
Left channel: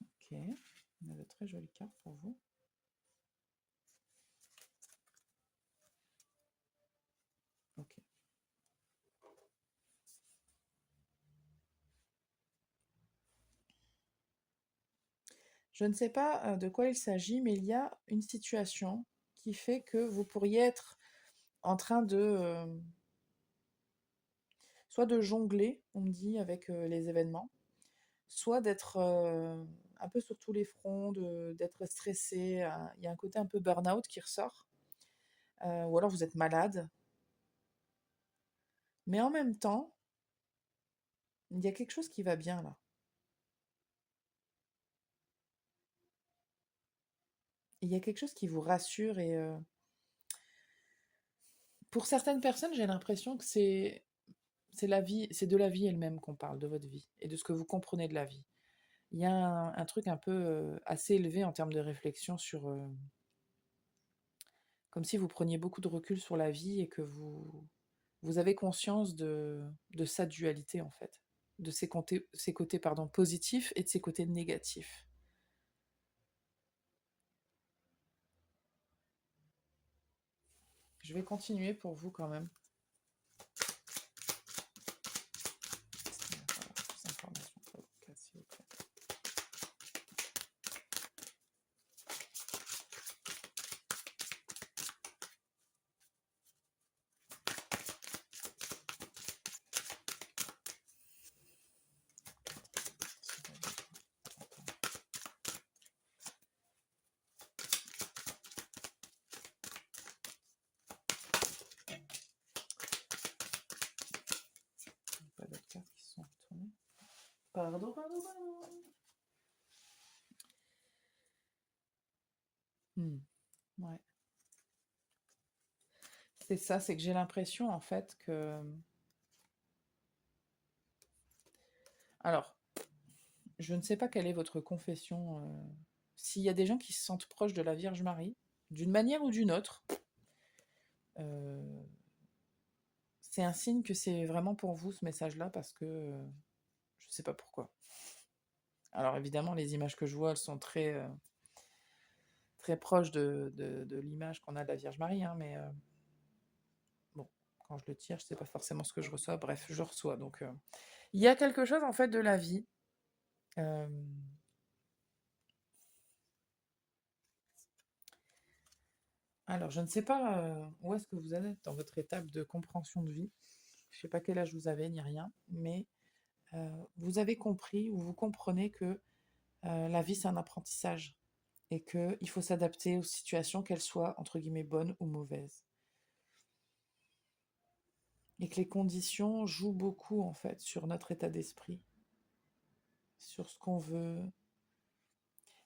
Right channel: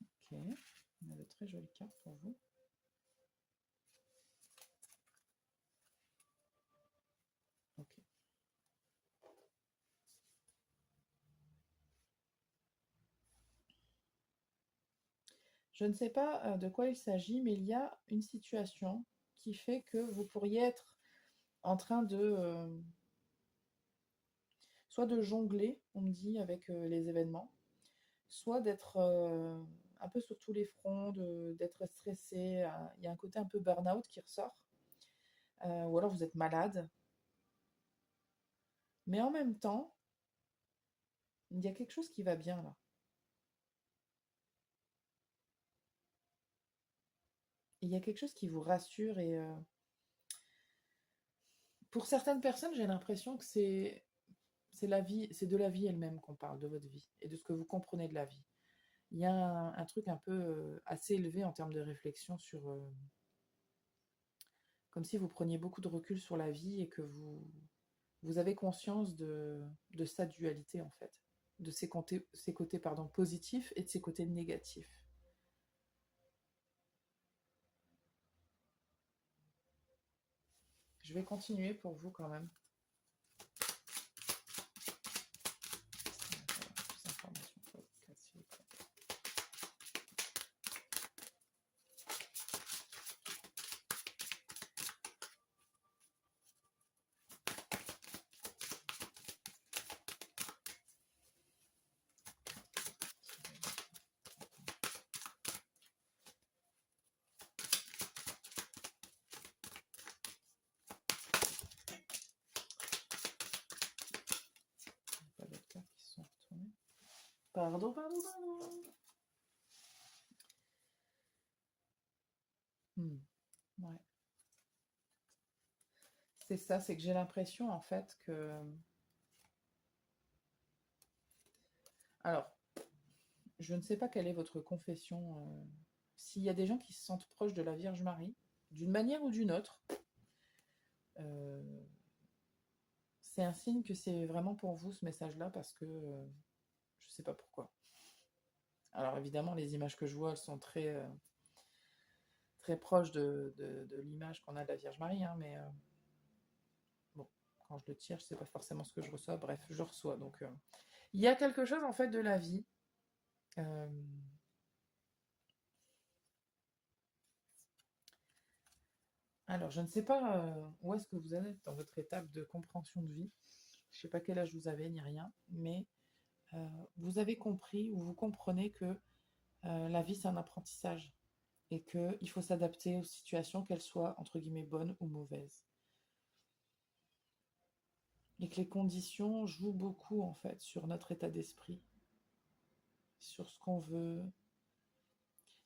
Ok, on a de très jolies cartes pour vous. Ok. Je ne sais pas de quoi il s'agit, mais il y a une situation qui fait que vous pourriez être en train de soit de jongler, on me dit, avec les événements, soit d'être un peu sur tous les fronts, d'être stressé. Il y a un côté un peu burn-out qui ressort, ou alors vous êtes malade. Mais en même temps, il y a quelque chose qui va bien là. Il y a quelque chose qui vous rassure et pour certaines personnes, j'ai l'impression que c'est la vie, c'est de la vie elle-même qu'on parle, de votre vie et de ce que vous comprenez de la vie. Il y a un truc un peu assez élevé en termes de réflexion sur, comme si vous preniez beaucoup de recul sur la vie et que vous avez conscience de sa dualité en fait, de ses côtés pardon, positifs et de ses côtés négatifs. Je vais continuer pour vous quand même. Pardon, pardon, pardon. Ouais. C'est ça, c'est que j'ai l'impression en fait que... Alors, je ne sais pas quelle est votre confession. S'il y a des gens qui se sentent proches de la Vierge Marie, d'une manière ou d'une autre, euh, c'est un signe que c'est vraiment pour vous ce message-là parce que je ne sais pas pourquoi. Alors évidemment, les images que je vois, elles sont très proches de l'image qu'on a de la Vierge Marie, hein, mais bon, quand je le tire, je ne sais pas forcément ce que je reçois. Bref, je reçois. Donc, il y a quelque chose en fait de la vie. euh, Alors, je ne sais pas où est-ce que vous en êtes dans votre étape de compréhension de vie. Je ne sais pas quel âge vous avez ni rien, mais vous avez compris ou vous comprenez que la vie, c'est un apprentissage et qu'il faut s'adapter aux situations, qu'elles soient, entre guillemets, bonnes ou mauvaises. Et que les conditions jouent beaucoup, en fait, sur notre état d'esprit, sur ce qu'on veut.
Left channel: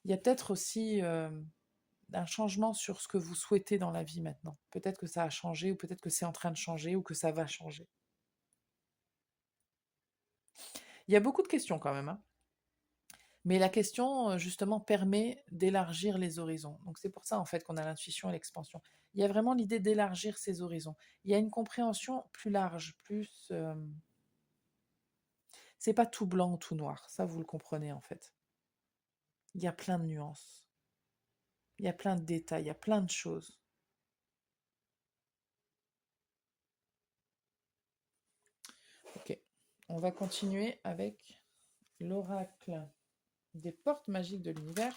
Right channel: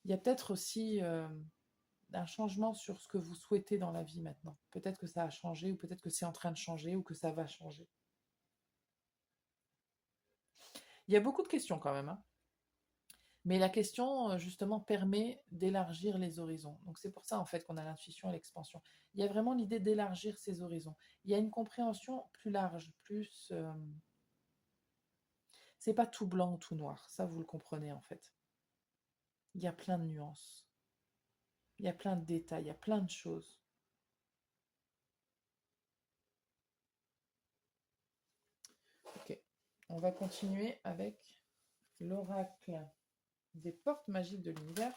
Il y a peut-être aussi un changement sur ce que vous souhaitez dans la vie maintenant. Peut-être que ça a changé, ou peut-être que c'est en train de changer, ou que ça va changer. Il y a beaucoup de questions quand même, hein. Mais la question, justement, permet d'élargir les horizons. Donc c'est pour ça, en fait, qu'on a l'intuition et l'expansion. Il y a vraiment l'idée d'élargir ces horizons. Il y a une compréhension plus large, plus... c'est pas tout blanc ou tout noir, ça vous le comprenez, en fait. Il y a plein de nuances, il y a plein de détails, il y a plein de choses. Ok, on va continuer avec l'oracle des portes magiques de l'univers.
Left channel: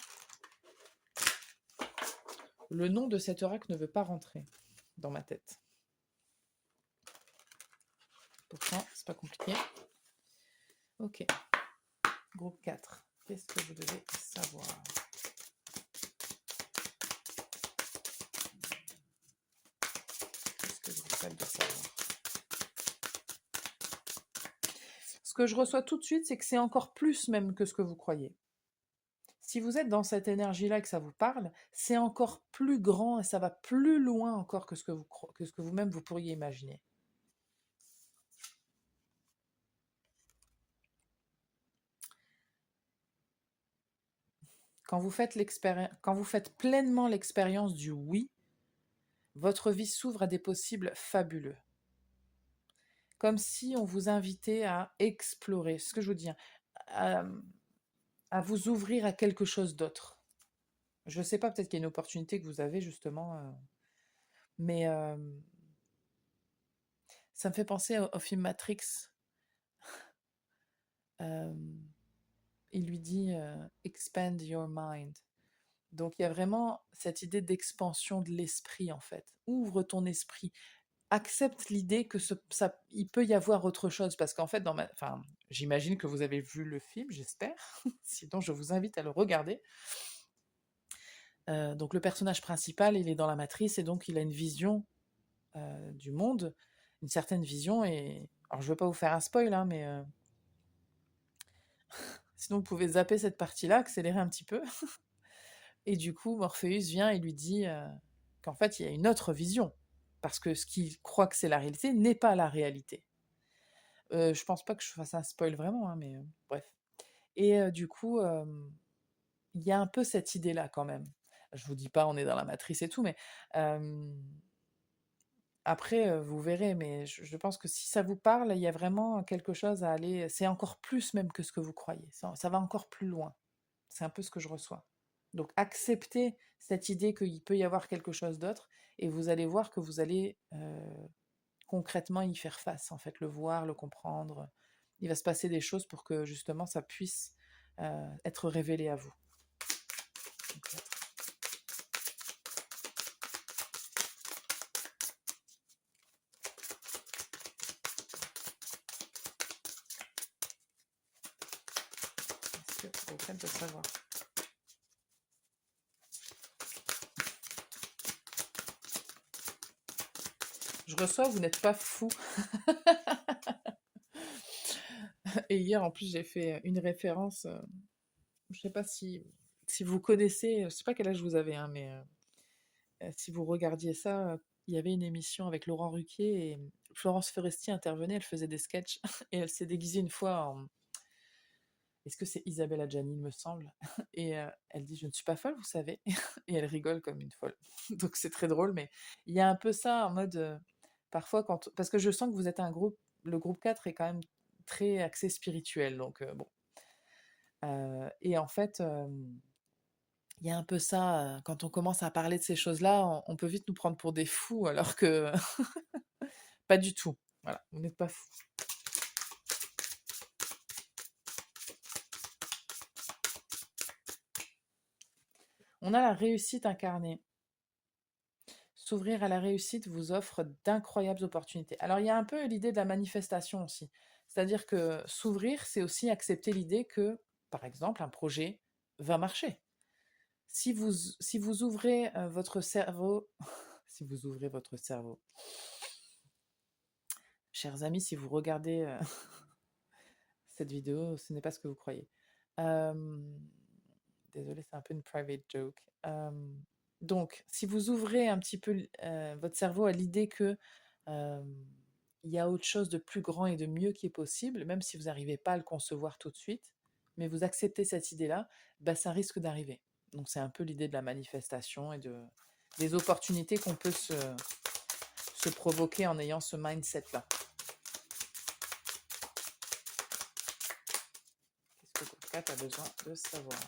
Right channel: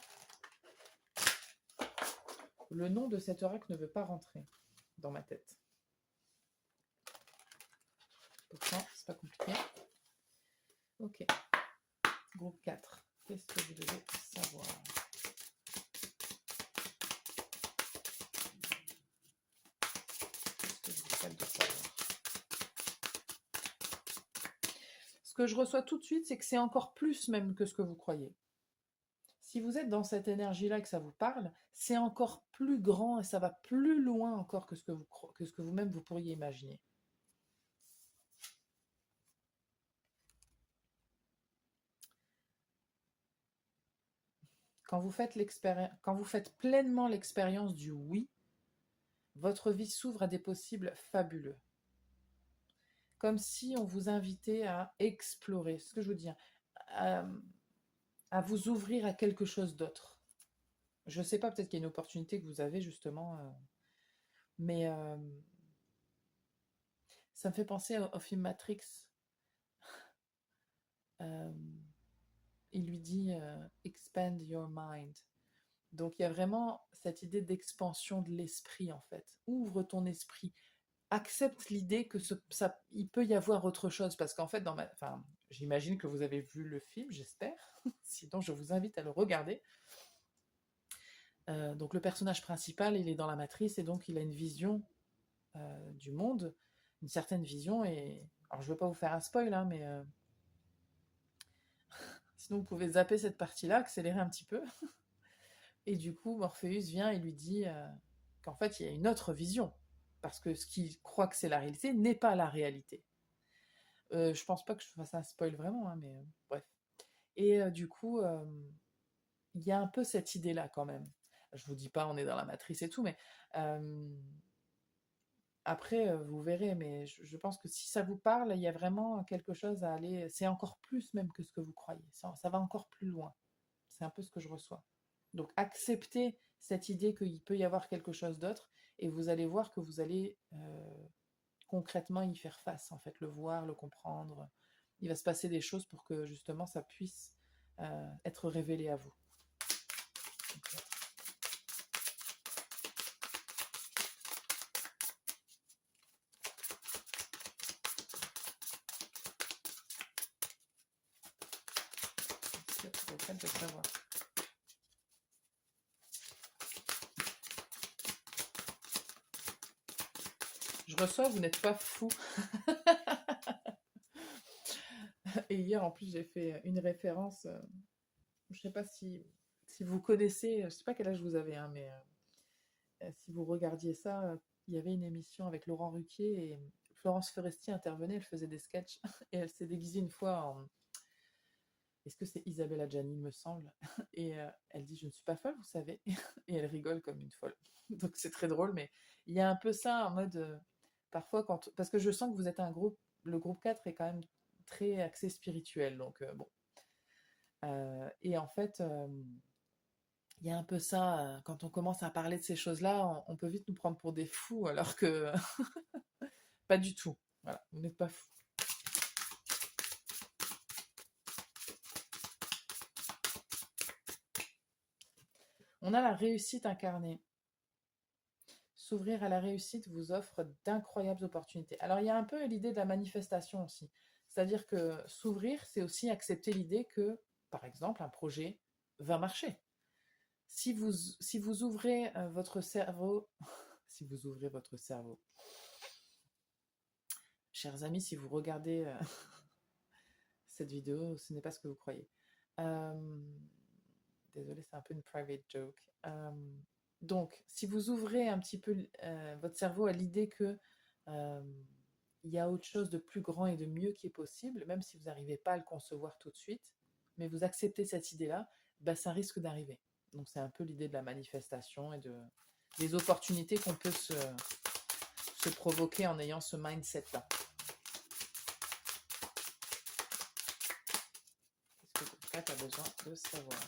Le nom de cet oracle ne veut pas rentrer dans ma tête. Pourtant, c'est pas compliqué. Ok. Groupe 4. Qu'est-ce que vous devez savoir? Qu'est-ce que je vous souhaite de savoir? Ce que je reçois tout de suite, c'est que c'est encore plus même que ce que vous croyez. Si vous êtes dans cette énergie-là et que ça vous parle, c'est encore plus grand et ça va plus loin encore que ce que vous-même vous pourriez imaginer. Quand vous faites pleinement l'expérience du oui, votre vie s'ouvre à des possibles fabuleux. Comme si on vous invitait à explorer, ce que je veux dire, à, à vous ouvrir à quelque chose d'autre. Je ne sais pas, peut-être qu'il y a une opportunité que vous avez justement, mais ça me fait penser au film Matrix. Euh, il lui dit expand your mind. Donc il y a vraiment cette idée d'expansion de l'esprit en fait. Ouvre ton esprit, accepte l'idée que il peut y avoir autre chose parce qu'en fait enfin, j'imagine que vous avez vu le film, j'espère. Sinon je vous invite à le regarder. Donc le personnage principal, il est dans la matrice et donc il a une vision du monde, une certaine vision. Et alors je ne veux pas vous faire un spoil, hein, mais sinon vous pouvez zapper cette partie-là, accélérer un petit peu. Et du coup, Morpheus vient et lui dit qu'en fait il y a une autre vision, parce que ce qu'il croit que c'est la réalité n'est pas la réalité. Je pense pas que je fasse un spoil vraiment, hein, mais bref. Et du coup, il y a un peu cette idée-là quand même. Je vous dis pas on est dans la matrice et tout, mais après, vous verrez, mais je pense que si ça vous parle, il y a vraiment quelque chose à aller. C'est encore plus même que ce que vous croyez. Ça va encore plus loin. C'est un peu ce que je reçois. Donc, acceptez cette idée qu'il peut y avoir quelque chose d'autre et vous allez voir que vous allez concrètement y faire face, en fait, le voir, le comprendre. Il va se passer des choses pour que justement ça puisse être révélé à vous. Donc, est-ce que vous êtes prête de savoir? Je reçois, vous n'êtes pas fou. Et hier, en plus, j'ai fait une référence. Je sais pas si vous connaissez, je sais pas quel âge vous avez, hein, mais si vous regardiez ça, il y avait une émission avec Laurent Ruquier et Florence Foresti intervenait, elle faisait des sketchs et elle s'est déguisée une fois en, est-ce que c'est Isabelle Adjani, il me semble? Et elle dit: «Je ne suis pas folle, vous savez?» Et elle rigole comme une folle. Donc c'est très drôle, mais il y a un peu ça en mode, parfois quand parce que je sens que vous êtes un groupe, le groupe 4 est quand même très axé spirituel, donc bon. Et en fait, il y a un peu ça, quand on commence à parler de ces choses-là, on peut vite nous prendre pour des fous alors que pas du tout. Voilà, vous n'êtes pas fous. On a la réussite incarnée. S'ouvrir à la réussite vous offre d'incroyables opportunités. Alors, il y a un peu l'idée de la manifestation aussi. C'est-à-dire que s'ouvrir, c'est aussi accepter l'idée que, par exemple, un projet va marcher. Si vous ouvrez votre cerveau, si vous ouvrez votre cerveau, chers amis, si vous regardez cette vidéo, ce n'est pas ce que vous croyez. Euh, Désolée, c'est un peu une private joke. Donc, si vous ouvrez un petit peu votre cerveau à l'idée que euh, il y a autre chose de plus grand et de mieux qui est possible, même si vous n'arrivez pas à le concevoir tout de suite, mais vous acceptez cette idée-là, bah, ça risque d'arriver. Donc, c'est un peu l'idée de la manifestation et des opportunités qu'on peut se provoquer en ayant ce mindset-là. Qu'est-ce que tu as besoin de savoir?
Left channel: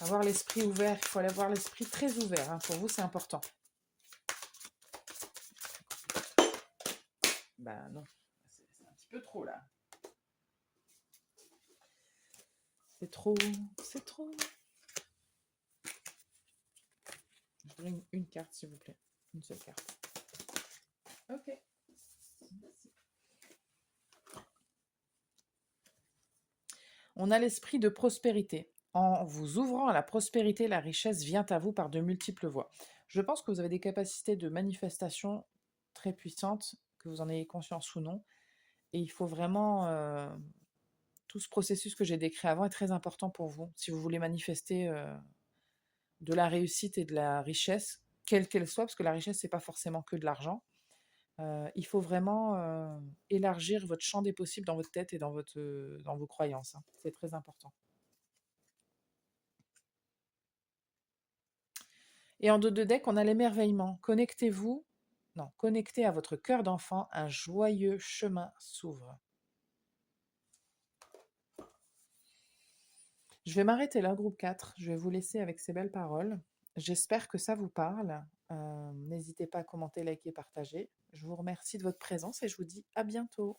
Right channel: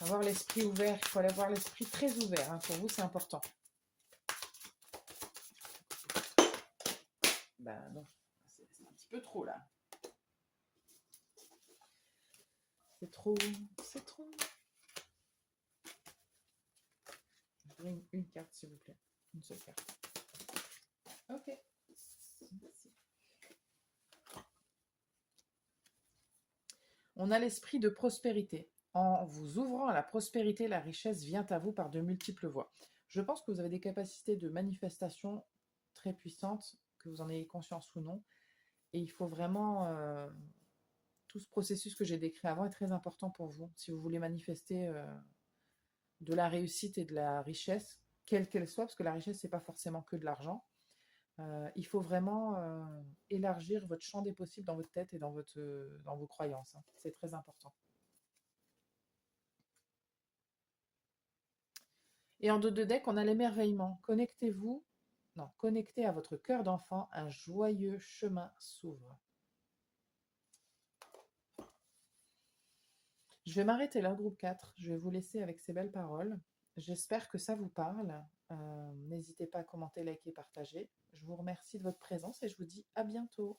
Avoir l'esprit ouvert, il faut avoir l'esprit très ouvert, hein. Pour vous, c'est important. Bah non, c'est un petit peu trop là. C'est trop, c'est trop. Je voudrais une carte, s'il vous plaît. Une seule carte. Ok. Merci. On a l'esprit de prospérité. En vous ouvrant à la prospérité, la richesse vient à vous par de multiples voies. Je pense que vous avez des capacités de manifestation très puissantes, que vous en ayez conscience ou non. Et il faut vraiment... tout ce processus que j'ai décrit avant est très important pour vous. Si vous voulez manifester de la réussite et de la richesse, quelle qu'elle soit, parce que la richesse, c'est pas forcément que de l'argent. Il faut vraiment élargir votre champ des possibles dans votre tête et dans vos croyances, hein. C'est très important. Et en 2 deck, on a l'émerveillement. Connectez-vous, non, connectez à votre cœur d'enfant, un joyeux chemin s'ouvre. Je vais m'arrêter là, groupe 4. Je vais vous laisser avec ces belles paroles. J'espère que ça vous parle. N'hésitez pas à commenter, liker, partager. Je vous remercie de votre présence et je vous dis à bientôt.